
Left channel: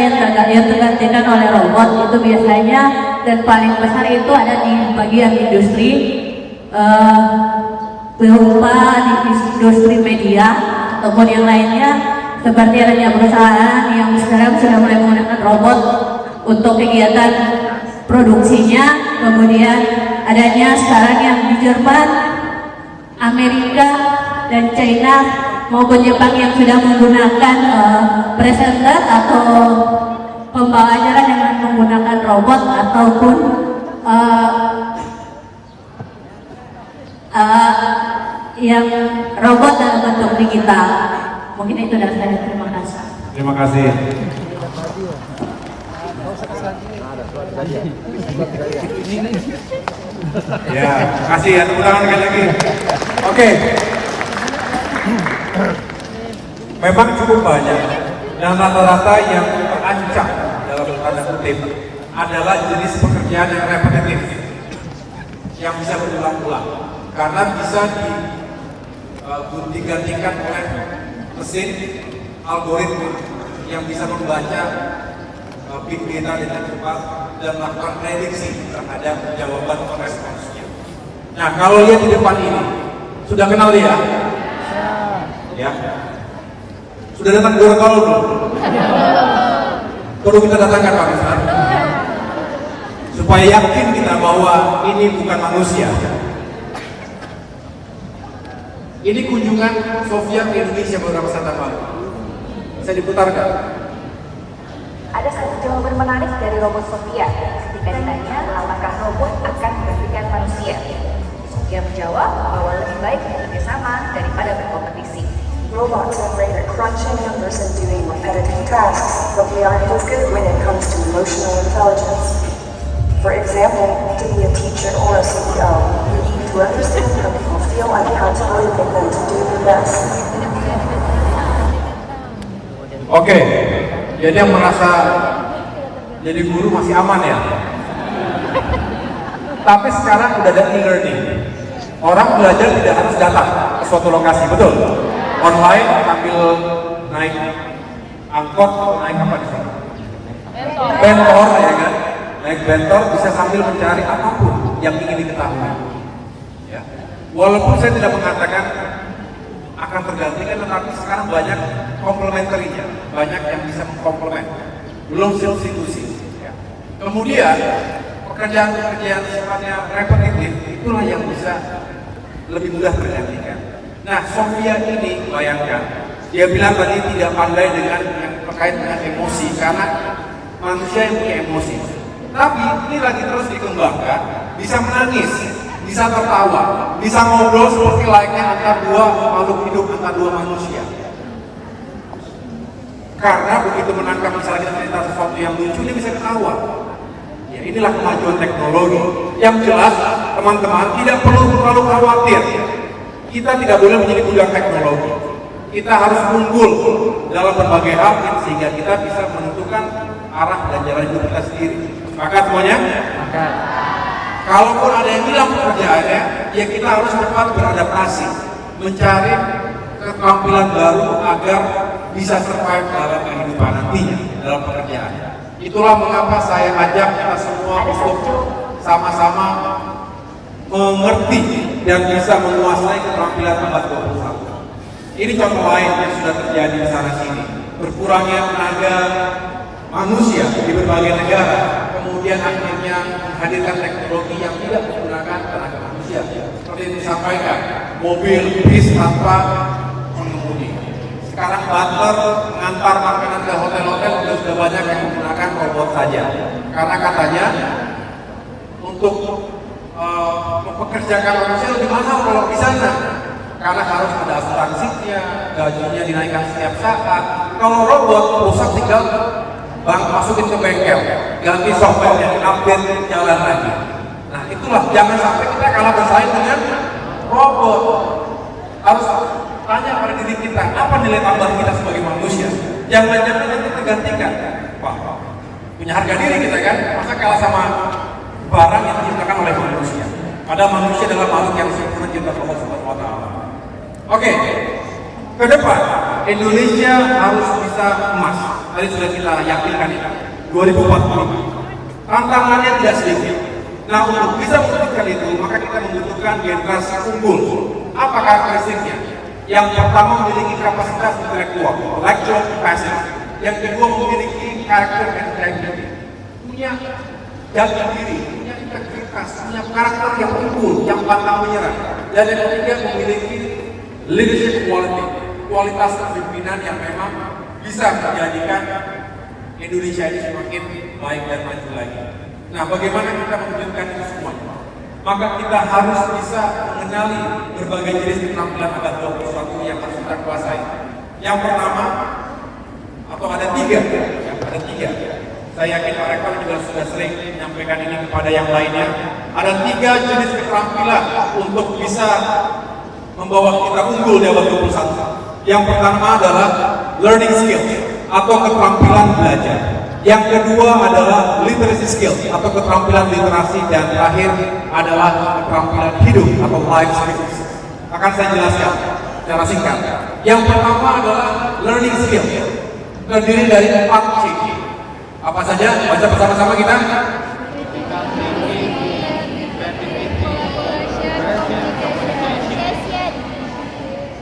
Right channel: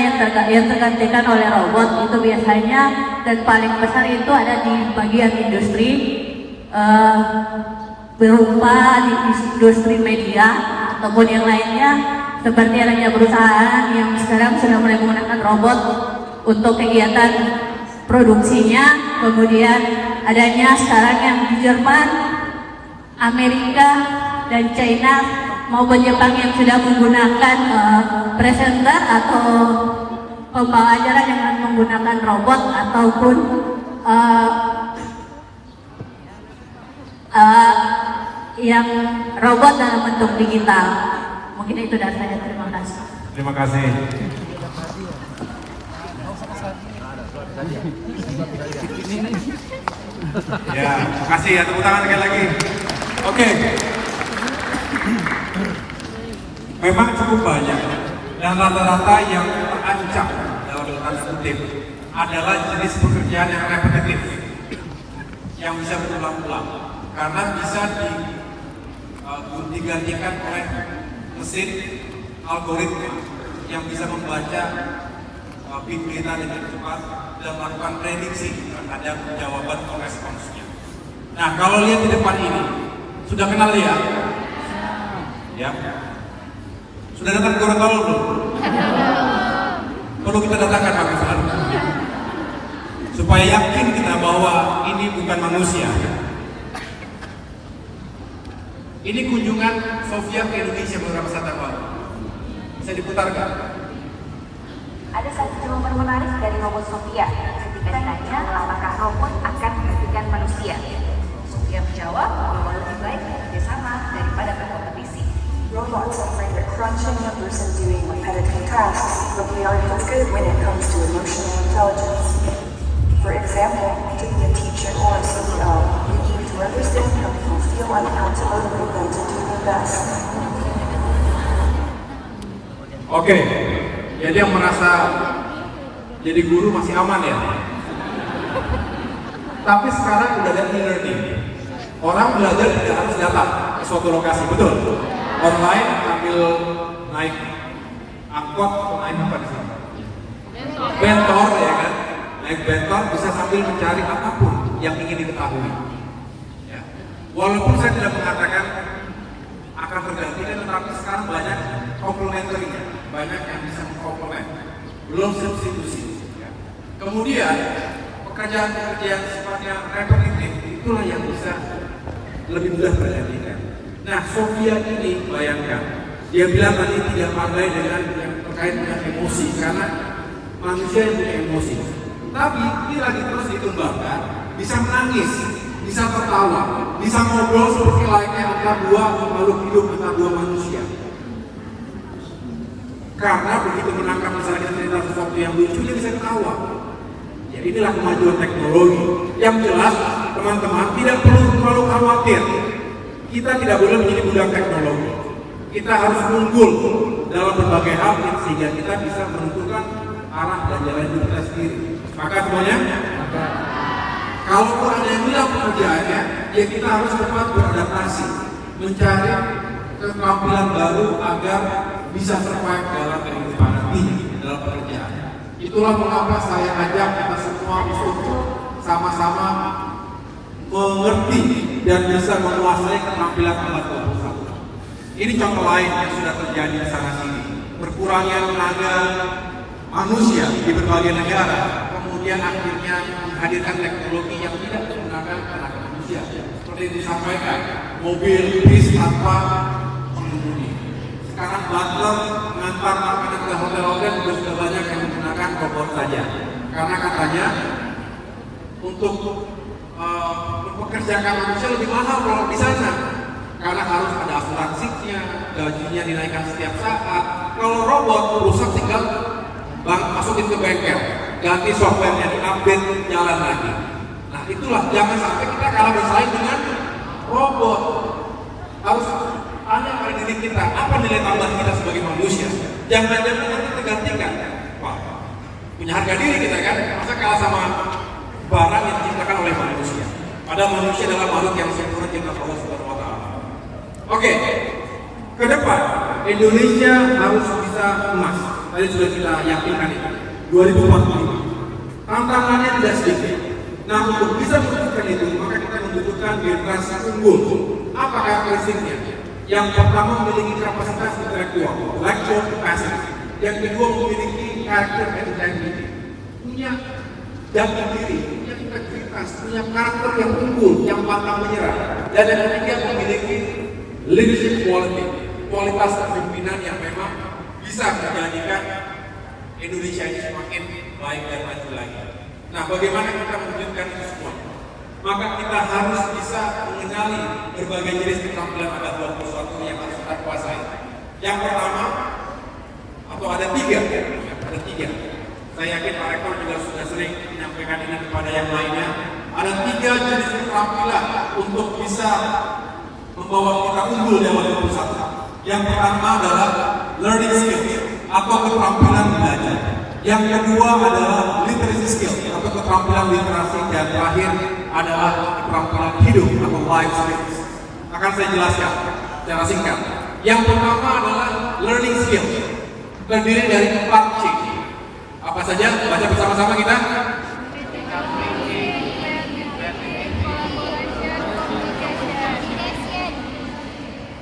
yang tergantikan oleh robot itu biasanya, dan paling besar itu ada di bagian industri, berupa di industri media ataupun yang lainnya, seperti adanya perusahaan yang sekarang sudah mulai menggunakan robot untuk kegiatan produksinya. Kemudian adanya sekarang yang di Jerman, Amerika, dan China maupun Jepang yang sudah menggunakan presenter atau pembawa acara dengan menggunakan robot ataupun yang robot dalam bentuk digital. Mungkin itu dari saya. Terima kasih. Terima kasih. Ya, terima kasih ya, tepuk tangan sekali lagi. Oke. Memang cukup banyak, dan rata-rata yang terancam dalam tanda kutip adalah jenis pekerjaan yang repetitif, yang bisa berulang-ulang, karena bisa digantikan oleh mesin algoritma yang bisa membaca big data dengan cepat dan melakukan prediksi terhadap jawaban responsnya. Nah, kalau lihat di depan ini, sudah kenal dia? Ya. Sudah datang Gorontalo belum? Perlu kita datangkan Pak Besar, supaya yakin kita bahwa ini bukan manusia. Ini kunjungan Sofia ke Indonesia beberapa saat yang lalu. Saya diputarkan. Ada satu jawaban menarik dari robot Sofia ketika ditanya apakah robot akan menggantikan manusia. Sofia menjawab bahwa lebih baik bekerja sama daripada berkompetisi. Robots are great at crunching numbers and doing repetitive tasks, but we aren't as good when it comes to emotional intelligence. For example, to be a teacher or a CEO, you need to understand how people feel and how to motivate them to do their best. Oke, jadi yang merasa jadi guru masih aman ya. Tapi sekarang udah ada e-learning. Orang belajar tidak harus datang ke suatu lokasi, betul? Online sambil naik angkot, naik apa di sana? Bentor ya kan? Naik bentor bisa sambil mencari apapun yang ingin diketahui. Ya. Walaupun saya tidak mengatakan akan tergantikan, tetapi sekarang banyak komplementerinya, banyak yang bisa mengkomplement, belum substitusi. Ya. Kemudian pekerjaan-pekerjaan sifatnya repetitif itulah yang bisa lebih mudah tergantikan. Nah, Sofia ini bayangkan, dia bilang tadi tidak pandai dengan yang terkait dengan emosi karena manusia yang punya emosi. Tapi ini lagi terus dikembangkan, bisa menangis, bisa tertawa, bisa ngobrol seperti layaknya antara dua makhluk hidup, antara dua manusia. Karena begitu menangkap misalnya cerita sesuatu yang lucu, dia bisa ketawa. Ya, inilah kemajuan teknologi. Yang jelas, teman-teman tidak perlu terlalu khawatir. Kita tidak boleh menjadi budak teknologi. Kita harus unggul dalam berbagai hal sehingga kita bisa menentukan arah dan jalan hidup kita sendiri. Sepakat semuanya? Kalaupun ada yang hilang pekerjaannya, ya kita harus cepat beradaptasi, mencari keterampilan baru agar bisa survive dalam kehidupan nantinya, dalam pekerjaan. Itulah mengapa saya ajak kita semua untuk sama-sama mengerti dan bisa menguasai keterampilan abad 21. Ini contoh lain yang sudah terjadi di sana sini. Berkurangnya tenaga manusia di berbagai negara, kemudian akhirnya menghadirkan teknologi yang tidak menggunakan tenaga manusia. Seperti itu disampaikan, mobil bis tanpa pengemudi. Sekarang butler mengantar makanan ke hotel-hotel sudah banyak yang menggunakan robot saja. Karena katanya untuk mempekerjakan manusia lebih mahal kalau di sana, karena harus ada asuransinya, gajinya dinaikkan setiap saat. Kalau robot rusak tinggal masukin ke bengkel, ganti software yang update, jalan lagi. Nah itulah, jangan sampai kita kalah bersaing dengan robot. Harus tanya pada diri kita, apa nilai tambah kita sebagai manusia? Jangan-jangan nanti tergantikan. Wah, punya harga diri kita kan, masa kalah sama barang yang diciptakan oleh manusia? Padahal manusia adalah makhluk yang sempurna cinta Allah Subhanahu wa Ta'ala. Oke, ke depan Indonesia harus bisa emas. Tadi sudah kita yakinkan ini 2045. Tantangannya tidak sedikit. Nah, untuk bisa mewujudkan itu, maka kita membutuhkan generasi unggul. Apa karakteristiknya? Yang pertama memiliki kapasitas intelektual, intellectual capacity. Yang kedua memiliki karakter integrity, punya jati diri, punya integritas, punya karakter yang unggul, yang pantang menyerah. Dan yang ketiga memiliki leadership quality, kualitas kepemimpinan yang memang bisa menjadikan Indonesia ini semakin baik dan maju lagi. Nah, bagaimana kita mewujudkan itu semua? Maka kita harus bisa mengenali berbagai jenis keterampilan abad 21 yang harus kita kuasai. Yang pertama, atau ada tiga. Saya yakin Pak Rektor juga sudah sering menyampaikan ini kepada yang lainnya. Ada 3 jenis keterampilan untuk bisa membawa kita unggul di abad 21. Yang pertama adalah learning skill atau keterampilan belajar. Yang kedua adalah literacy skill atau keterampilan literasi, dan terakhir adalah keterampilan hidup atau life skills. Akan saya jelaskan secara singkat. Yang pertama adalah learning skill, terdiri dari 4 C. Apa saja? Baca bersama-sama kita.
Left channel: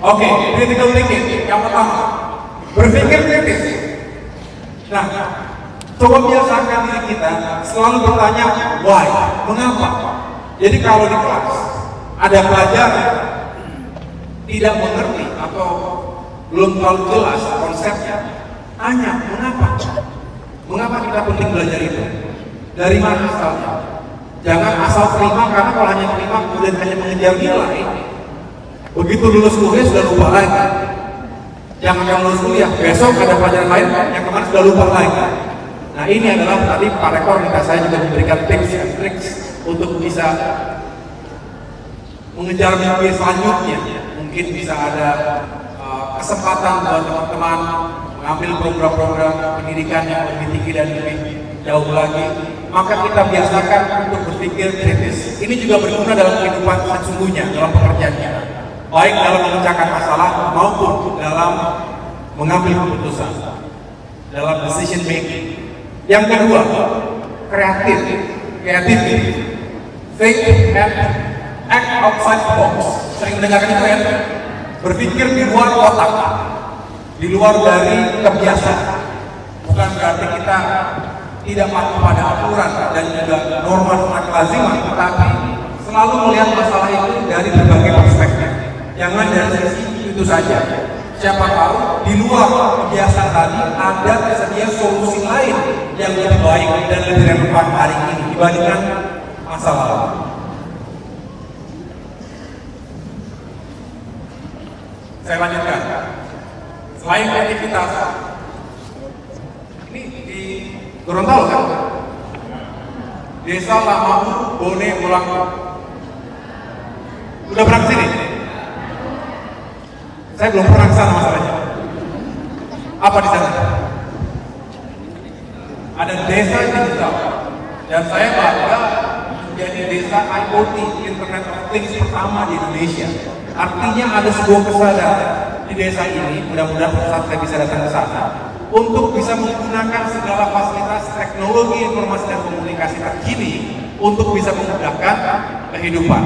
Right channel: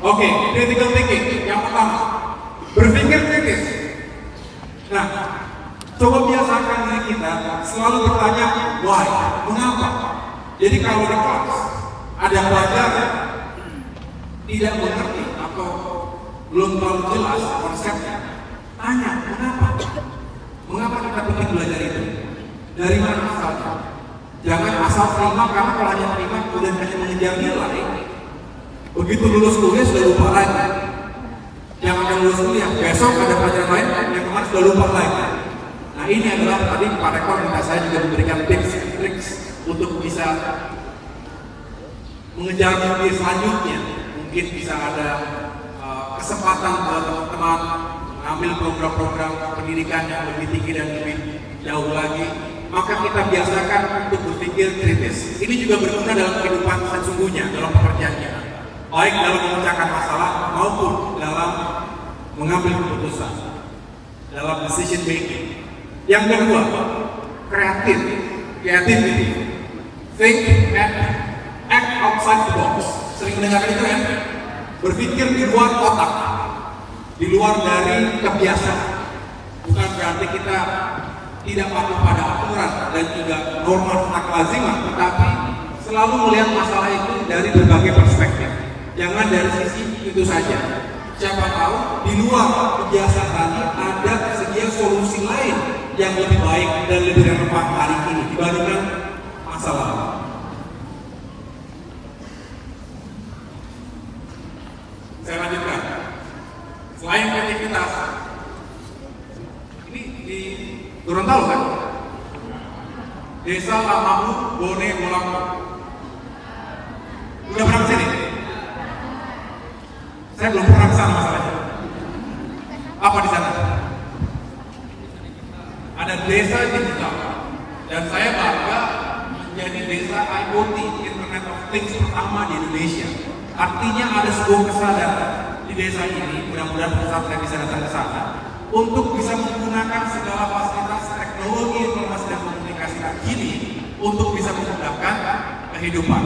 Oke, critical thinking yang pertama, berpikir kritis. Nah, coba biasakan diri kita selalu bertanya why, mengapa. Jadi kalau di kelas ada pelajaran tidak mengerti atau belum terlalu jelas konsepnya, tanya mengapa. Mengapa kita penting belajar itu? Dari mana asalnya? Jangan asal terima, karena kalau hanya terima kemudian hanya mengejar nilai, begitu lulus kuliah sudah lupa lagi. Jangan lulus kuliah, besok ada pelajaran lain yang kemarin sudah lupa lagi. Nah ini adalah tadi Pak Rektor minta saya juga memberikan tips dan triks untuk bisa mengejar mimpi selanjutnya. Mungkin bisa ada kesempatan buat teman-teman mengambil program-program pendidikan yang lebih tinggi dan lebih jauh lagi. Maka kita biasakan untuk berpikir kritis. Ini juga berguna dalam kehidupan sesungguhnya, dalam pekerjaan kita, baik dalam memecahkan masalah maupun dalam mengambil keputusan, dalam decision making. Yang kedua, kreativity, think and act outside the box. Sering mendengar itu ya? Berpikir di luar kotak, di luar dari kebiasaan. Bukan berarti kita tidak patuh pada aturan dan juga norma lazimah, tetapi selalu melihat masalah itu dari berbagai perspektif. Jangan dari sisi itu saja. Siapa tahu di luar kebiasaan tadi ada tersedia solusi lain yang lebih baik dan lebih relevan hari ini dibandingkan masa lalu. Saya lanjutkan. Selain kreativitas, ini di Gorontalo kan? Desa Lamahu, Bone, Ulang. Udah pernah kesini? Saya belum pernah kesana masalahnya. Apa di sana? Ada desa digital, dan saya bangga menjadi desa IoT, Internet of Things pertama di Indonesia. Artinya ada sebuah kesadaran di desa ini, mudah-mudahan saat saya bisa datang ke sana, untuk bisa menggunakan segala fasilitas teknologi informasi dan komunikasi terkini untuk bisa memudahkan kehidupan.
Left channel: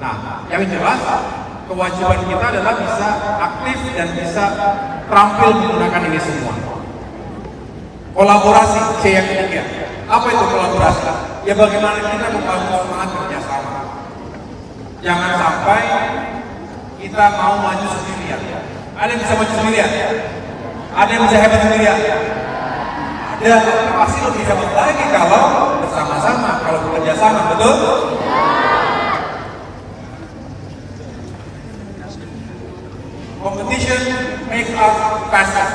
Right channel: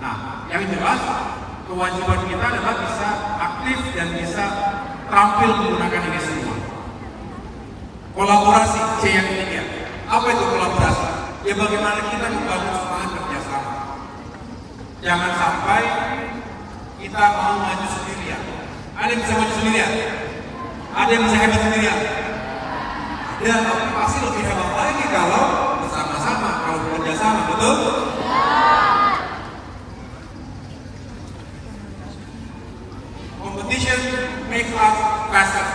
Nah, yang jelas kewajiban kita adalah bisa aktif dan bisa terampil menggunakan ini semua. Kolaborasi, C yang ketiga. Apa itu kolaborasi? Ya bagaimana kita membangun semangat kerjasama. Jangan sampai kita mau maju sendirian. Ada yang bisa maju sendirian? Ada yang bisa hebat sendirian? Ada, tapi pasti lebih hebat lagi kalau bersama-sama, kalau bekerja sama, betul? us faster.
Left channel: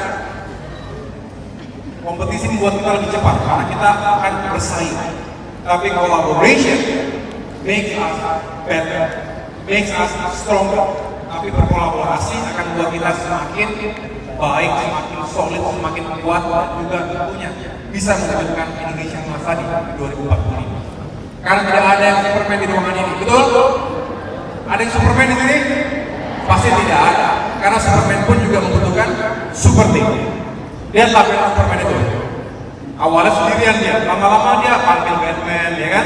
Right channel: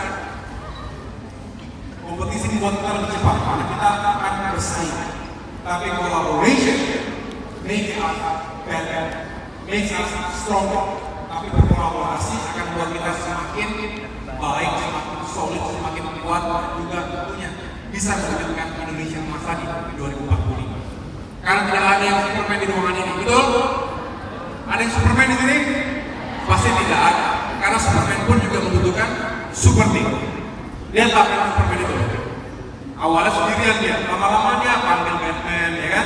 Kompetisi membuat kita lebih cepat karena kita akan bersaing. Tapi collaboration makes us better, makes us stronger. Tapi berkolaborasi akan membuat kita semakin baik, semakin solid, semakin kuat, juga tentunya bisa mewujudkan Indonesia yang tadi di 2045. Karena tidak ada yang Superman di ruangan ini, betul? Ada yang Superman di sini? Pasti tidak ada. Karena Superman pun juga membutuhkan super team. Lihatlah film Superman itu. Awalnya sendirian dia, lama-lama dia panggil Batman, ya kan?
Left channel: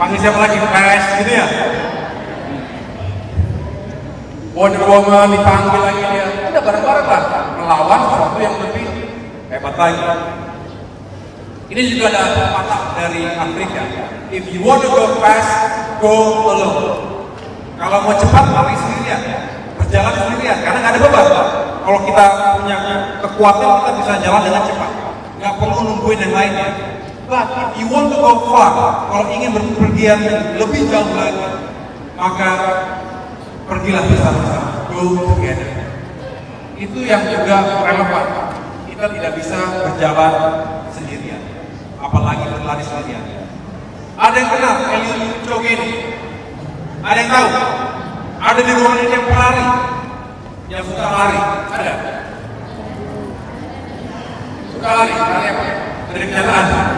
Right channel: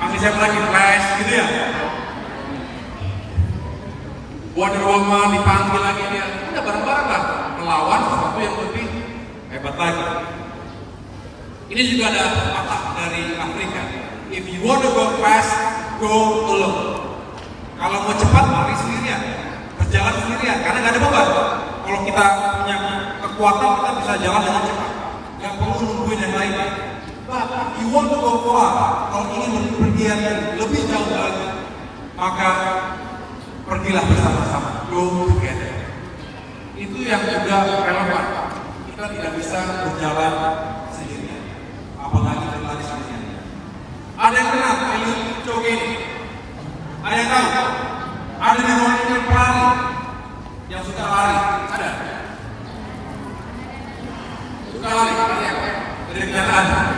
Panggil siapa lagi? Flash, gitu ya? Wonder Woman dipanggil lagi dia. Ada bareng-bareng lah, melawan sesuatu yang lebih hebat lagi. Ini juga ada patah dari Afrika. If you want to go fast, go alone. Kalau mau cepat, lari sendirian, berjalan sendirian, karena nggak ada beban. Kalau kita punya kekuatan, kita bisa jalan dengan cepat. Nggak perlu nungguin yang lainnya. But if you want to go far, kalau ingin berpergian lebih jauh lagi, maka pergilah bersama-sama. Go together. Itu yang juga relevan. Kita tidak bisa berjalan sendirian, apalagi berlari sendirian. Ada yang kenal Eliud Kipchoge ini? Ada yang tahu? Ada di ruangan ini yang pelari, yang suka lari? Ada? Suka lari? Lari apa? Dari kenyataan.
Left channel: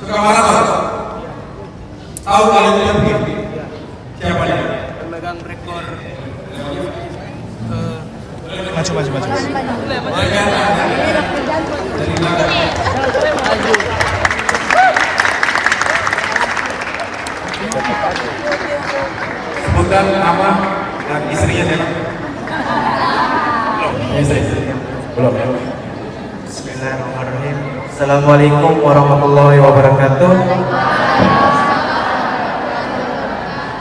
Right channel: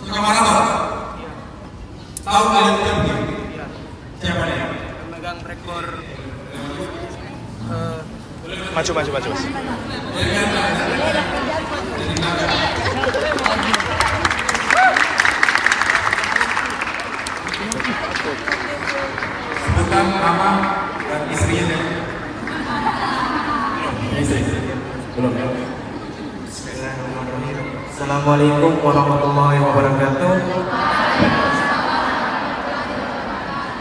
Suka maraton? Tahu Eliud Kipchoge? Siapa dia? Pemegang rekor Maju. Dari belakang. Sebutkan nama dan istrinya dulu. Belum. Bismillahirrahmanirrahim. Assalamualaikum warahmatullahi wabarakatuh.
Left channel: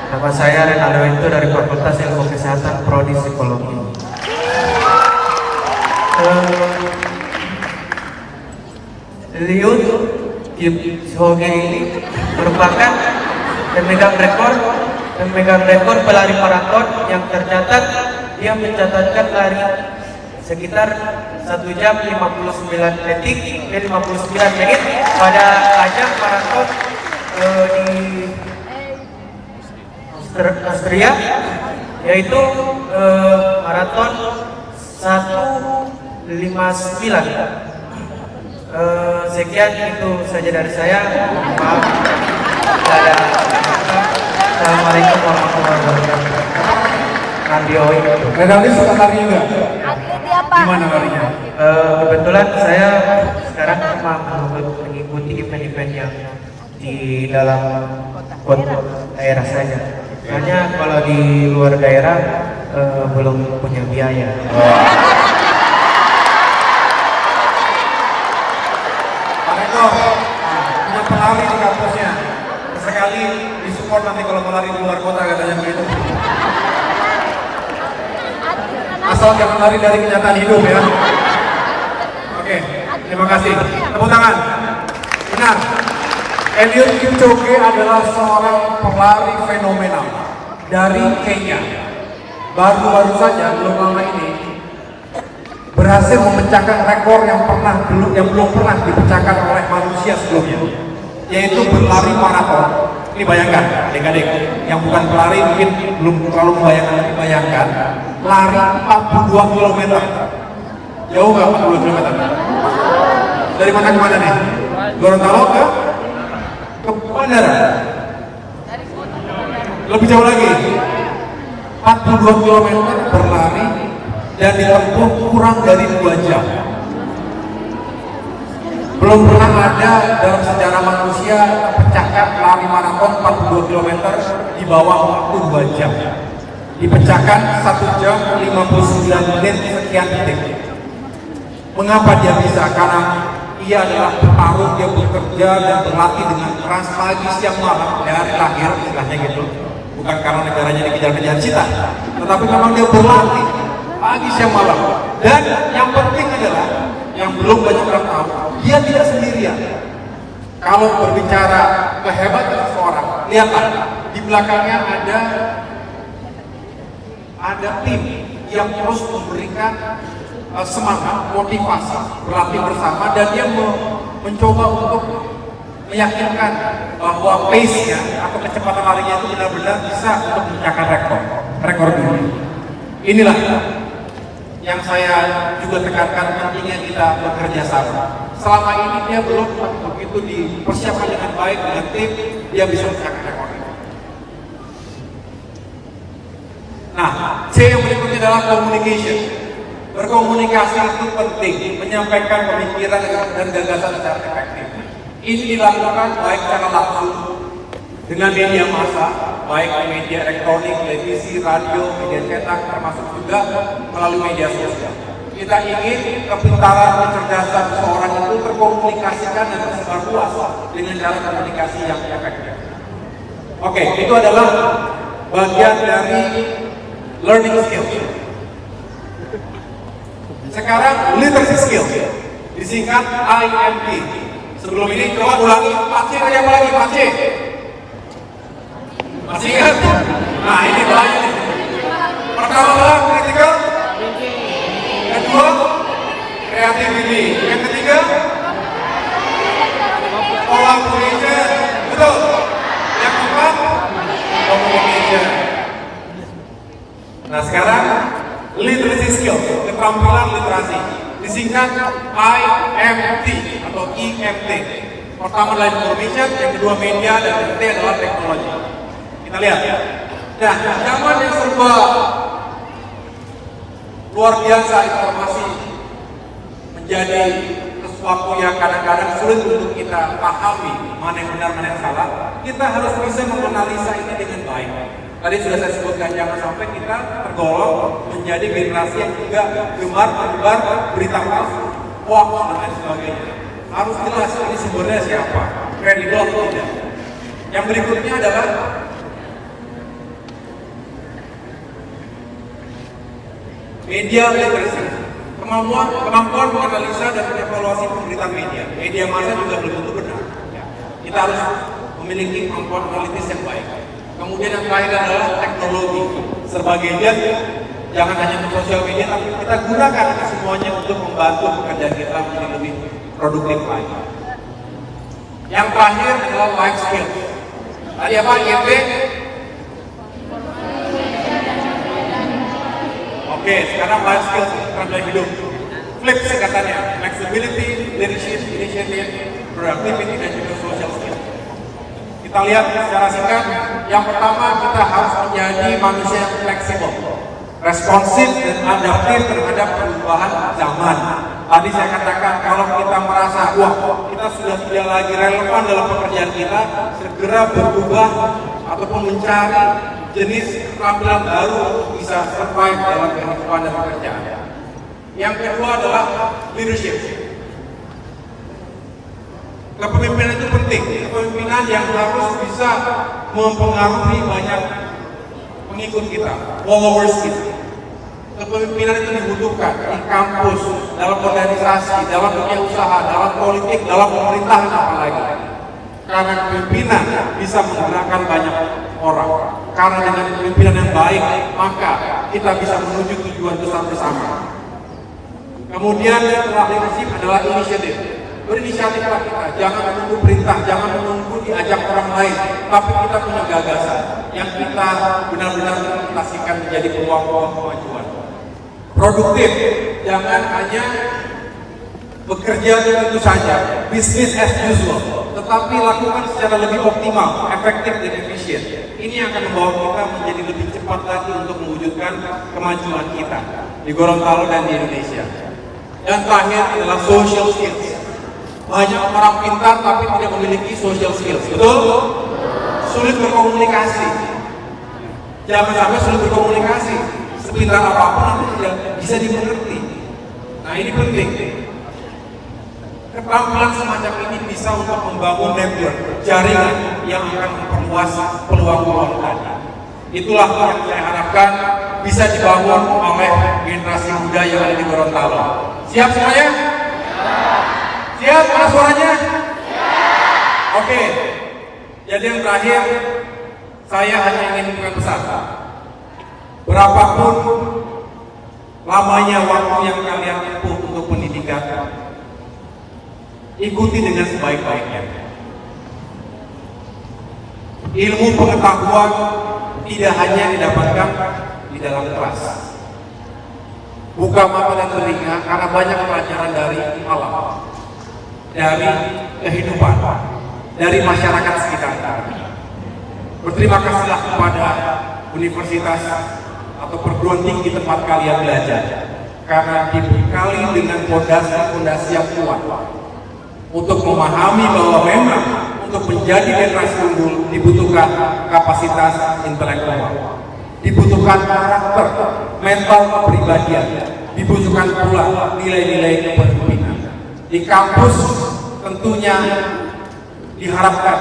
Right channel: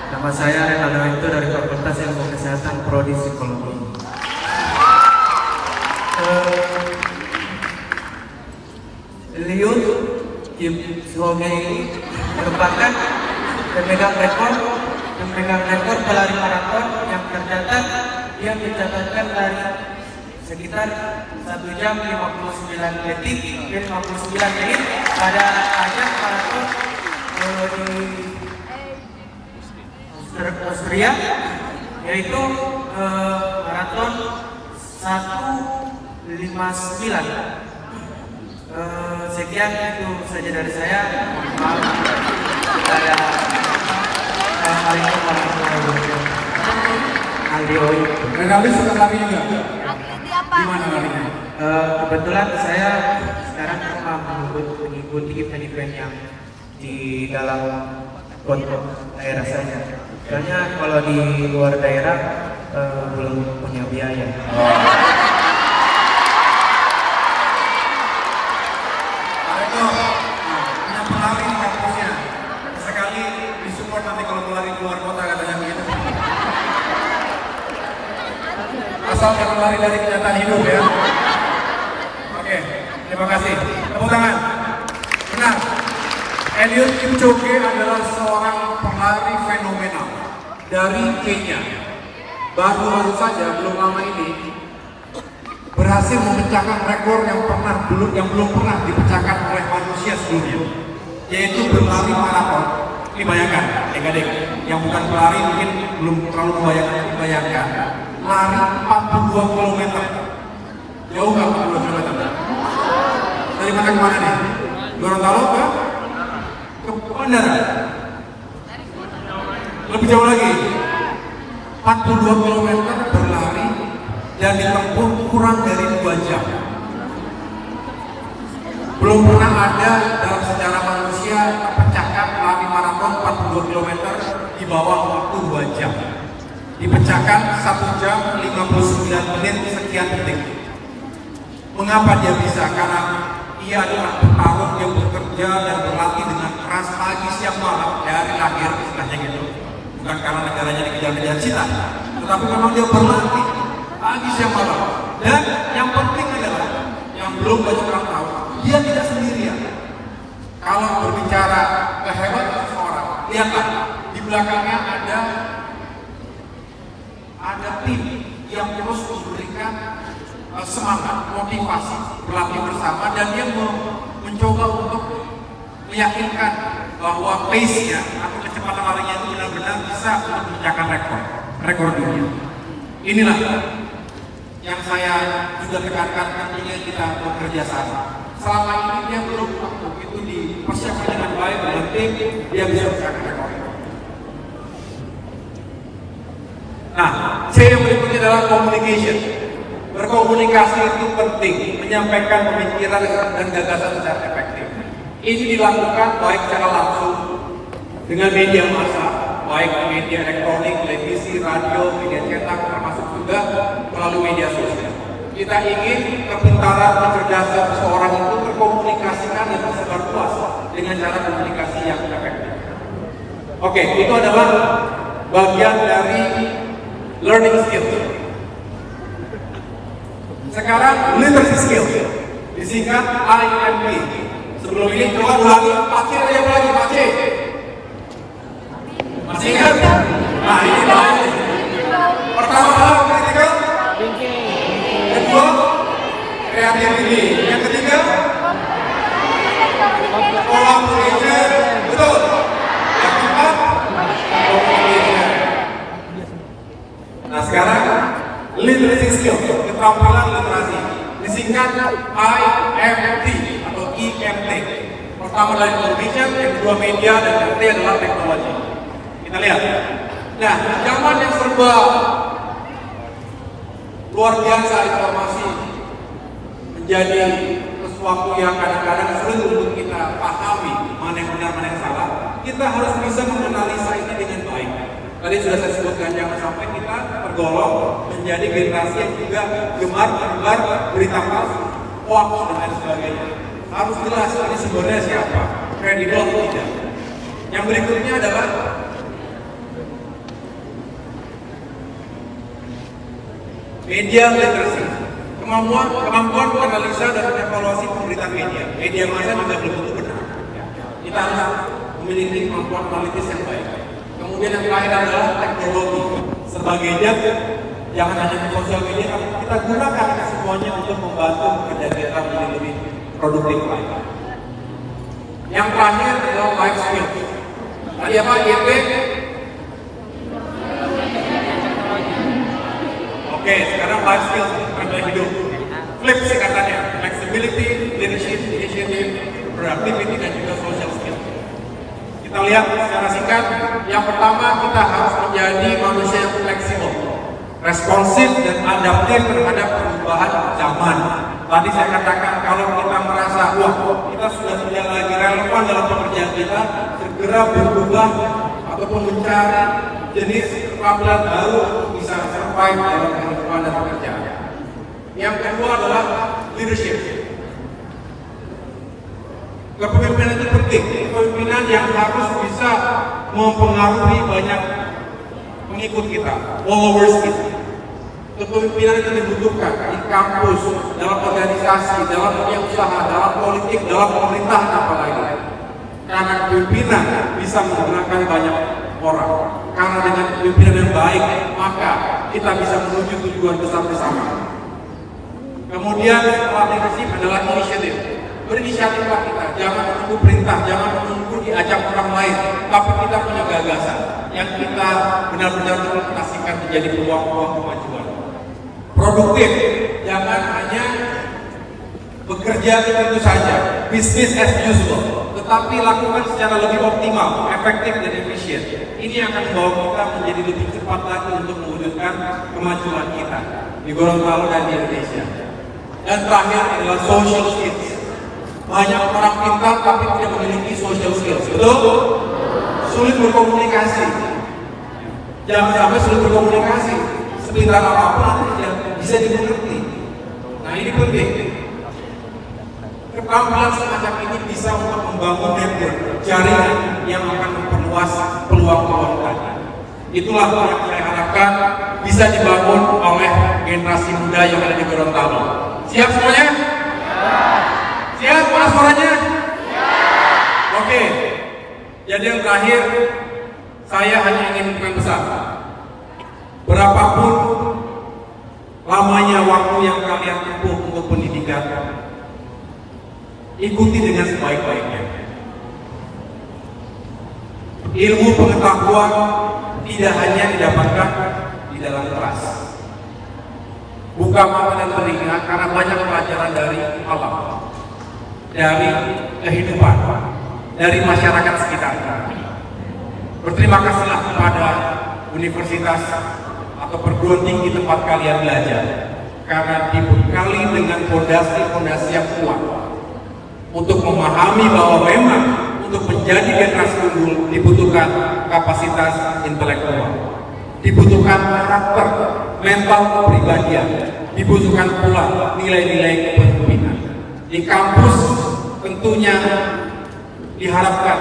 Nama saya Renaldo Wento dari Fakultas Ilmu Kesehatan Prodi Psikologi. Eliud Kipchoge ini merupakan pemegang rekor pelari maraton yang tercatat. Dia mencatatkan lari sekitar 1 jam 59 detik dan 59 menit pada ajang maraton di Austria, yaitu maraton 1:59. Sekian itu saja dari saya. Maaf. Assalamualaikum warahmatullahi wabarakatuh. Renalis suka lari juga? Gimana larinya? Kebetulan saya sekarang cuma mengikuti event-event yang di dalam kota daerah saja. Soalnya kalau di luar daerah belum punya biaya. Punya pelari di kampusnya. Sekali disupport nanti kalau mau lari di luar kota katanya begitu. Asal jangan lari dari kenyataan hidup ya. Oke, terima kasih. Tepuk tangan. Benar. Eliud Kipchoge adalah seorang pelari fenomenal dari Kenya. Baru-baru saja belum lama ini berhasil memecahkan rekor yang belum pernah dipecahkan oleh manusia sebelumnya, yaitu berlari maraton. Ini bayangkan, adik-adik yang bukan pelari mungkin belum terlalu bayangkan lari 42 km. Jauh nggak 42 km? Dari mana ke mana nih? Gorontalo ke bandara? Lebih jauh lagi, 42 km berlari dan ditempuh kurang dari 2 jam. Belum pernah ada dalam sejarah manusia pecahkan lari maraton 42 km di bawah waktu 2 jam. Dipecahkan 1 jam 59 menit sekian detik. Mengapa dia bisa? Karena ia adalah petarung, dia bekerja dan berlatih dengan keras pagi siang malam dari lahir, istilahnya gitu. Bukan karena negaranya dikejar-kejar cita, tetapi memang dia berlatih pagi siang malam. Dan yang penting adalah yang belum banyak orang tahu, dia tidak sendirian. Kalau berbicara kehebatan seseorang, lihatlah di belakangnya ada ada tim yang terus memberikan semangat, motivasi, berlatih bersama, dan dia mencoba untuk meyakinkan bahwa pace-nya atau kecepatan larinya itu benar-benar bisa untuk mencapai rekor dunia. Inilah yang saya juga tekankan, pentingnya kita bekerja sama. Selama ini dia belum begitu dipersiapkan dengan baik dan tim, dia bisa mencapai rekor. Nah, C yang berikutnya adalah communication. Berkomunikasi itu penting, menyampaikan pemikiran dan gagasan secara efektif. Ini dilakukan baik secara langsung dengan media massa, baik media elektronik, televisi, radio, media cetak, termasuk juga melalui media sosial. Kita ingin kepintaran, kecerdasan seseorang itu terkomunikasikan dan tersebar luas dengan cara komunikasi yang efektif. Oke, itu adalah bagian dari learning skill. Sekarang literacy skill, disingkat ILP. Sebelum ini coba ulangi, Pak C yang lagi, Pak C. Masih ingat? Nah, ini baik. Pertama, critical thinking. Kedua, creativity. Yang ketiga, collaboration. Betul. Yang keempat, communication. Nah, sekarang literacy skill, keterampilan literasi, disingkat IMT atau IMT. Pertama adalah information, yang kedua media, dan yang ketiga adalah teknologi. Kita lihat. Nah, zaman yang serba luar biasa, informasi menjadi sesuatu yang kadang-kadang sulit untuk kita pahami mana yang benar, mana yang salah. Kita harus bisa menganalisa ini dengan baik. Tadi sudah saya sebutkan, jangan sampai kita tergolong menjadi generasi yang juga gemar menyebar berita palsu, hoax dan lain sebagainya. Harus jelas ini sumbernya siapa, kredibel atau tidak. Yang berikutnya adalah media literacy, kemampuan menganalisa dan mengevaluasi pemberitaan media. Media massa juga belum tentu benar. Kita harus memiliki kemampuan analitis yang baik. Kemudian yang terakhir adalah teknologi. Serba gadget, jangan hanya di sosial media, tapi kita gunakan semuanya untuk membantu pekerja kita menjadi lebih produktif lagi. Yang terakhir adalah life skill. Tadi apa? YP? Oke, sekarang life skill tentang hidup. Flip singkatannya, flexibility, leadership, initiative, productivity, dan juga social skill. Kita lihat secara singkat. Yang pertama, kita harus menjadi manusia yang fleksibel, responsif dan adaptif terhadap perubahan zaman. Tadi saya katakan, kalau kita merasa wah kita sudah tidak lagi relevan dalam pekerjaan kita, segera berubah ataupun mencari jenis keterampilan baru untuk bisa survive dalam kehidupan dan pekerjaan. Yang kedua adalah leadership. Kepemimpinan itu penting, kepemimpinan yang harus bisa mempengaruhi banyak pengikut kita, followers kita. Kepemimpinan itu dibutuhkan di kampus, dalam organisasi, dalam dunia usaha, dalam politik, dalam pemerintahan apalagi. Karena kepemimpinan bisa menggunakan banyak orang. Karena dengan kepemimpinan yang baik, maka kita bisa menuju tujuan besar bersama. Kemudian setelah leadership adalah inisiatif. Berinisiatiflah kita, jangan menunggu perintah, jangan menunggu diajak orang lain, tapi kita punya gagasan yang kita benar-benar implementasikan menjadi peluang-peluang kemajuan. Produktif, jangan hanya bekerja itu saja, bisnis as usual, tetapi lakukan secara lebih optimal, efektif dan efisien. Ini akan membawa kita menjadi lebih cepat lagi untuk mewujudkan kemajuan kita di Gorontalo dan di Indonesia. Dan terakhir adalah social skills. Banyak orang pintar tapi tidak memiliki social skills, betul? Sulit berkomunikasi. Jangan sampai sulit berkomunikasi. Sepintar apapun aku tidak bisa dimengerti. Nah ini penting. Keterampilan semacam ini bisa untuk membangun network, jaringan yang akan memperluas peluang-peluang tadi. Itulah yang saya harapkan bisa dibangun oleh generasi muda yang ada di Gorontalo. Siap semuanya? Siap, mana suaranya? Oke. Jadi yang terakhir, saya hanya ingin berpesan berapapun lamanya waktu yang kalian tempuh untuk pendidikan, ikuti dengan sebaik-baiknya. Ilmu pengetahuan tidak hanya didapatkan di dalam kelas. Buka mata dan telinga karena banyak pelajaran dari alam, dari kehidupan, dari masyarakat sekitar. Berterima kasihlah kepada universitas atau perguruan tinggi tempat kalian belajar, karena dibekali dengan fondasi-fondasi yang kuat untuk memahami bahwa memang untuk menjadi generasi unggul dibutuhkan kapasitas intelektual, dibutuhkan karakter, mental kepribadian, dibutuhkan pula nilai-nilai kepemimpinan. Di kampus tentunya diharapkan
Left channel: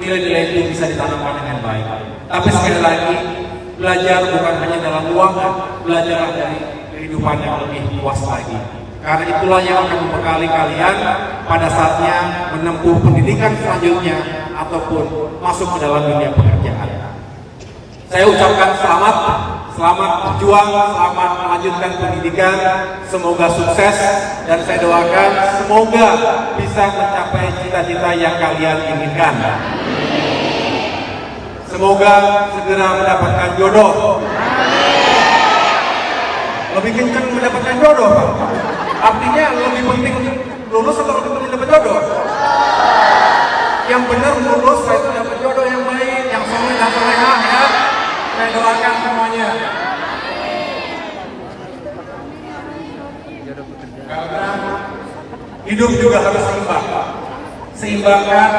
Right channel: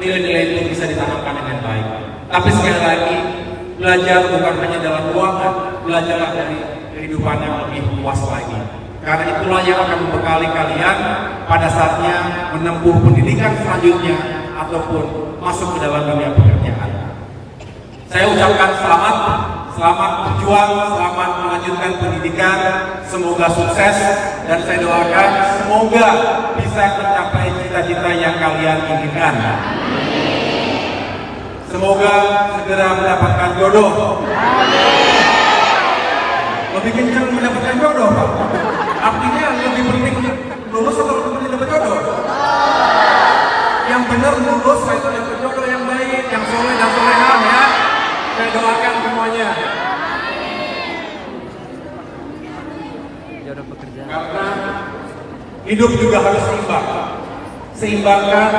nilai-nilai itu bisa ditanamkan dengan baik. Tapi sekali lagi, belajar bukan hanya dalam ruangan, belajarlah dari kehidupan yang lebih luas lagi. Karena itulah yang akan membekali kalian pada saatnya menempuh pendidikan selanjutnya ataupun masuk ke dalam dunia pekerjaan. Saya ucapkan selamat berjuang, selamat melanjutkan pendidikan, semoga sukses, dan saya doakan semoga bisa mencapai cita-cita yang kalian inginkan. Semoga segera mendapatkan jodoh. Lebih kencang mendapatkan jodoh, artinya lebih penting lulus atau lebih dapat jodoh? Yang benar lulus, saya dapat jodoh yang baik, yang soleh dan soleha ya. Saya doakan semuanya. Karena hidup juga harus seimbang. Seimbangkan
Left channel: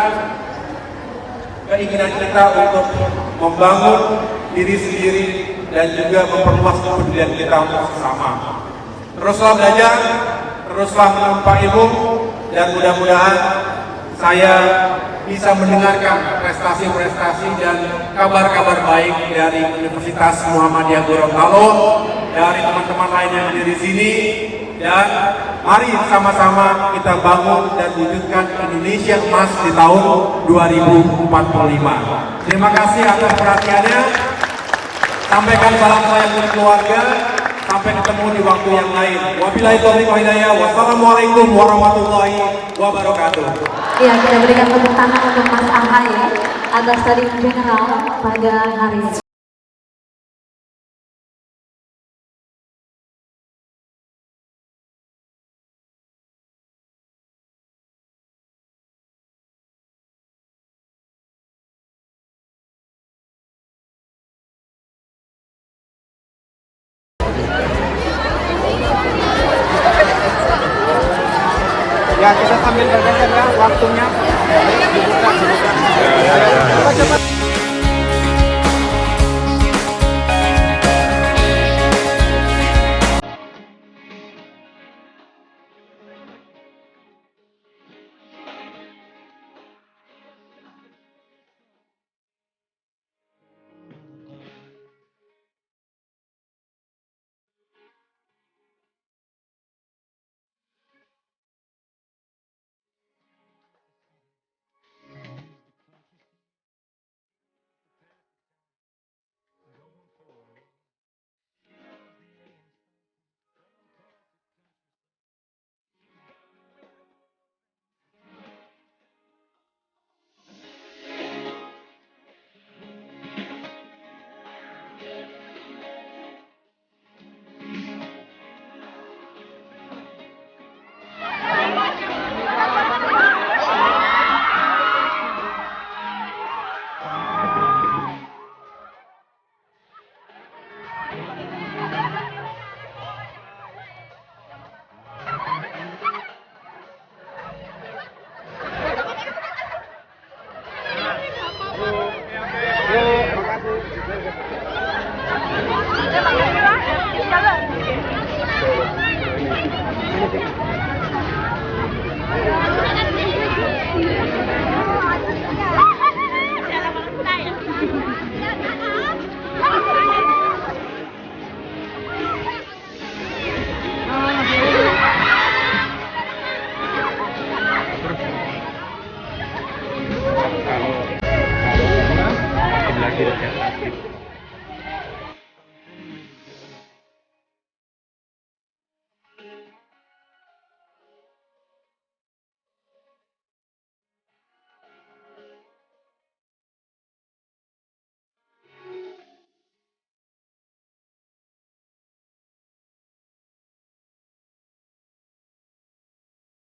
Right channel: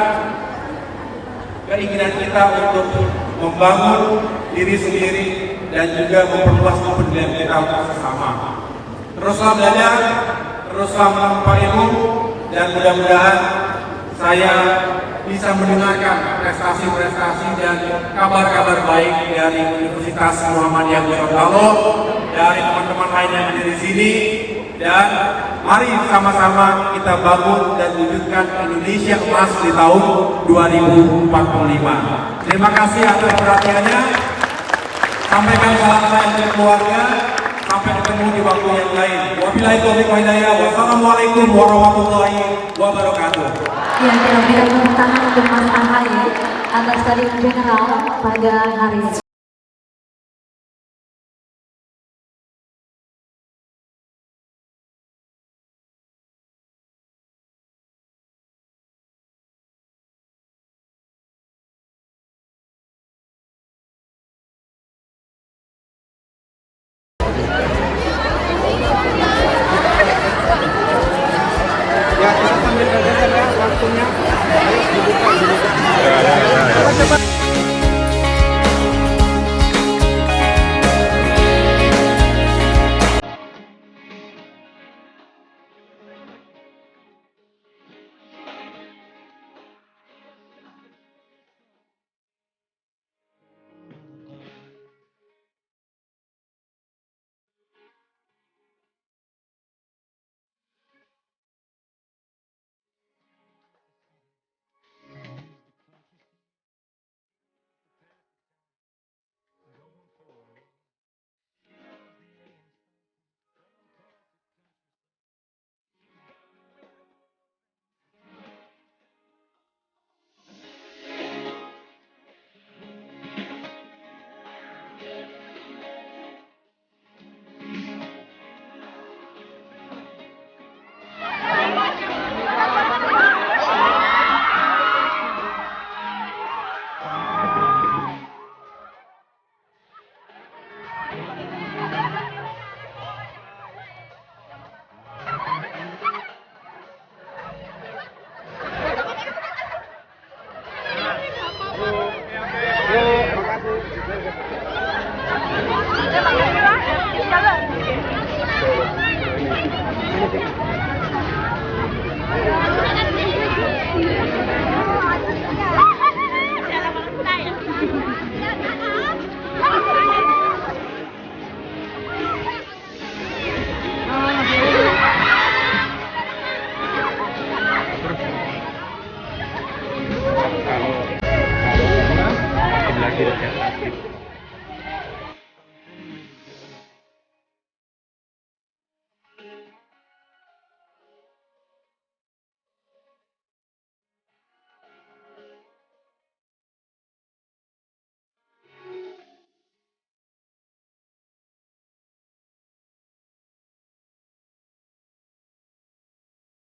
keinginan kita untuk membangun diri sendiri dan juga memperluas kepedulian kita untuk sesama. Teruslah belajar, teruslah menempa ilmu, dan mudah-mudahan saya bisa mendengarkan prestasi-prestasi dan kabar-kabar baik dari Universitas Muhammadiyah Gorontalo, dari teman-teman lain yang ada di sini, dan mari sama-sama kita bangun dan wujudkan Indonesia emas di tahun 2045. Terima kasih atas perhatiannya. Sampaikan salam saya kepada keluarga. Sampai ketemu di waktu yang lain. Wabillahi taufiq wal hidayah. Wassalamualaikum warahmatullahi wabarakatuh. Ya, kita berikan tepuk tangan untuk Mas Ahaye agar Stadion General pada hari ini. Ya, kita sambil bergeser ya waktunya. Ayo dibuka. Terima kasih.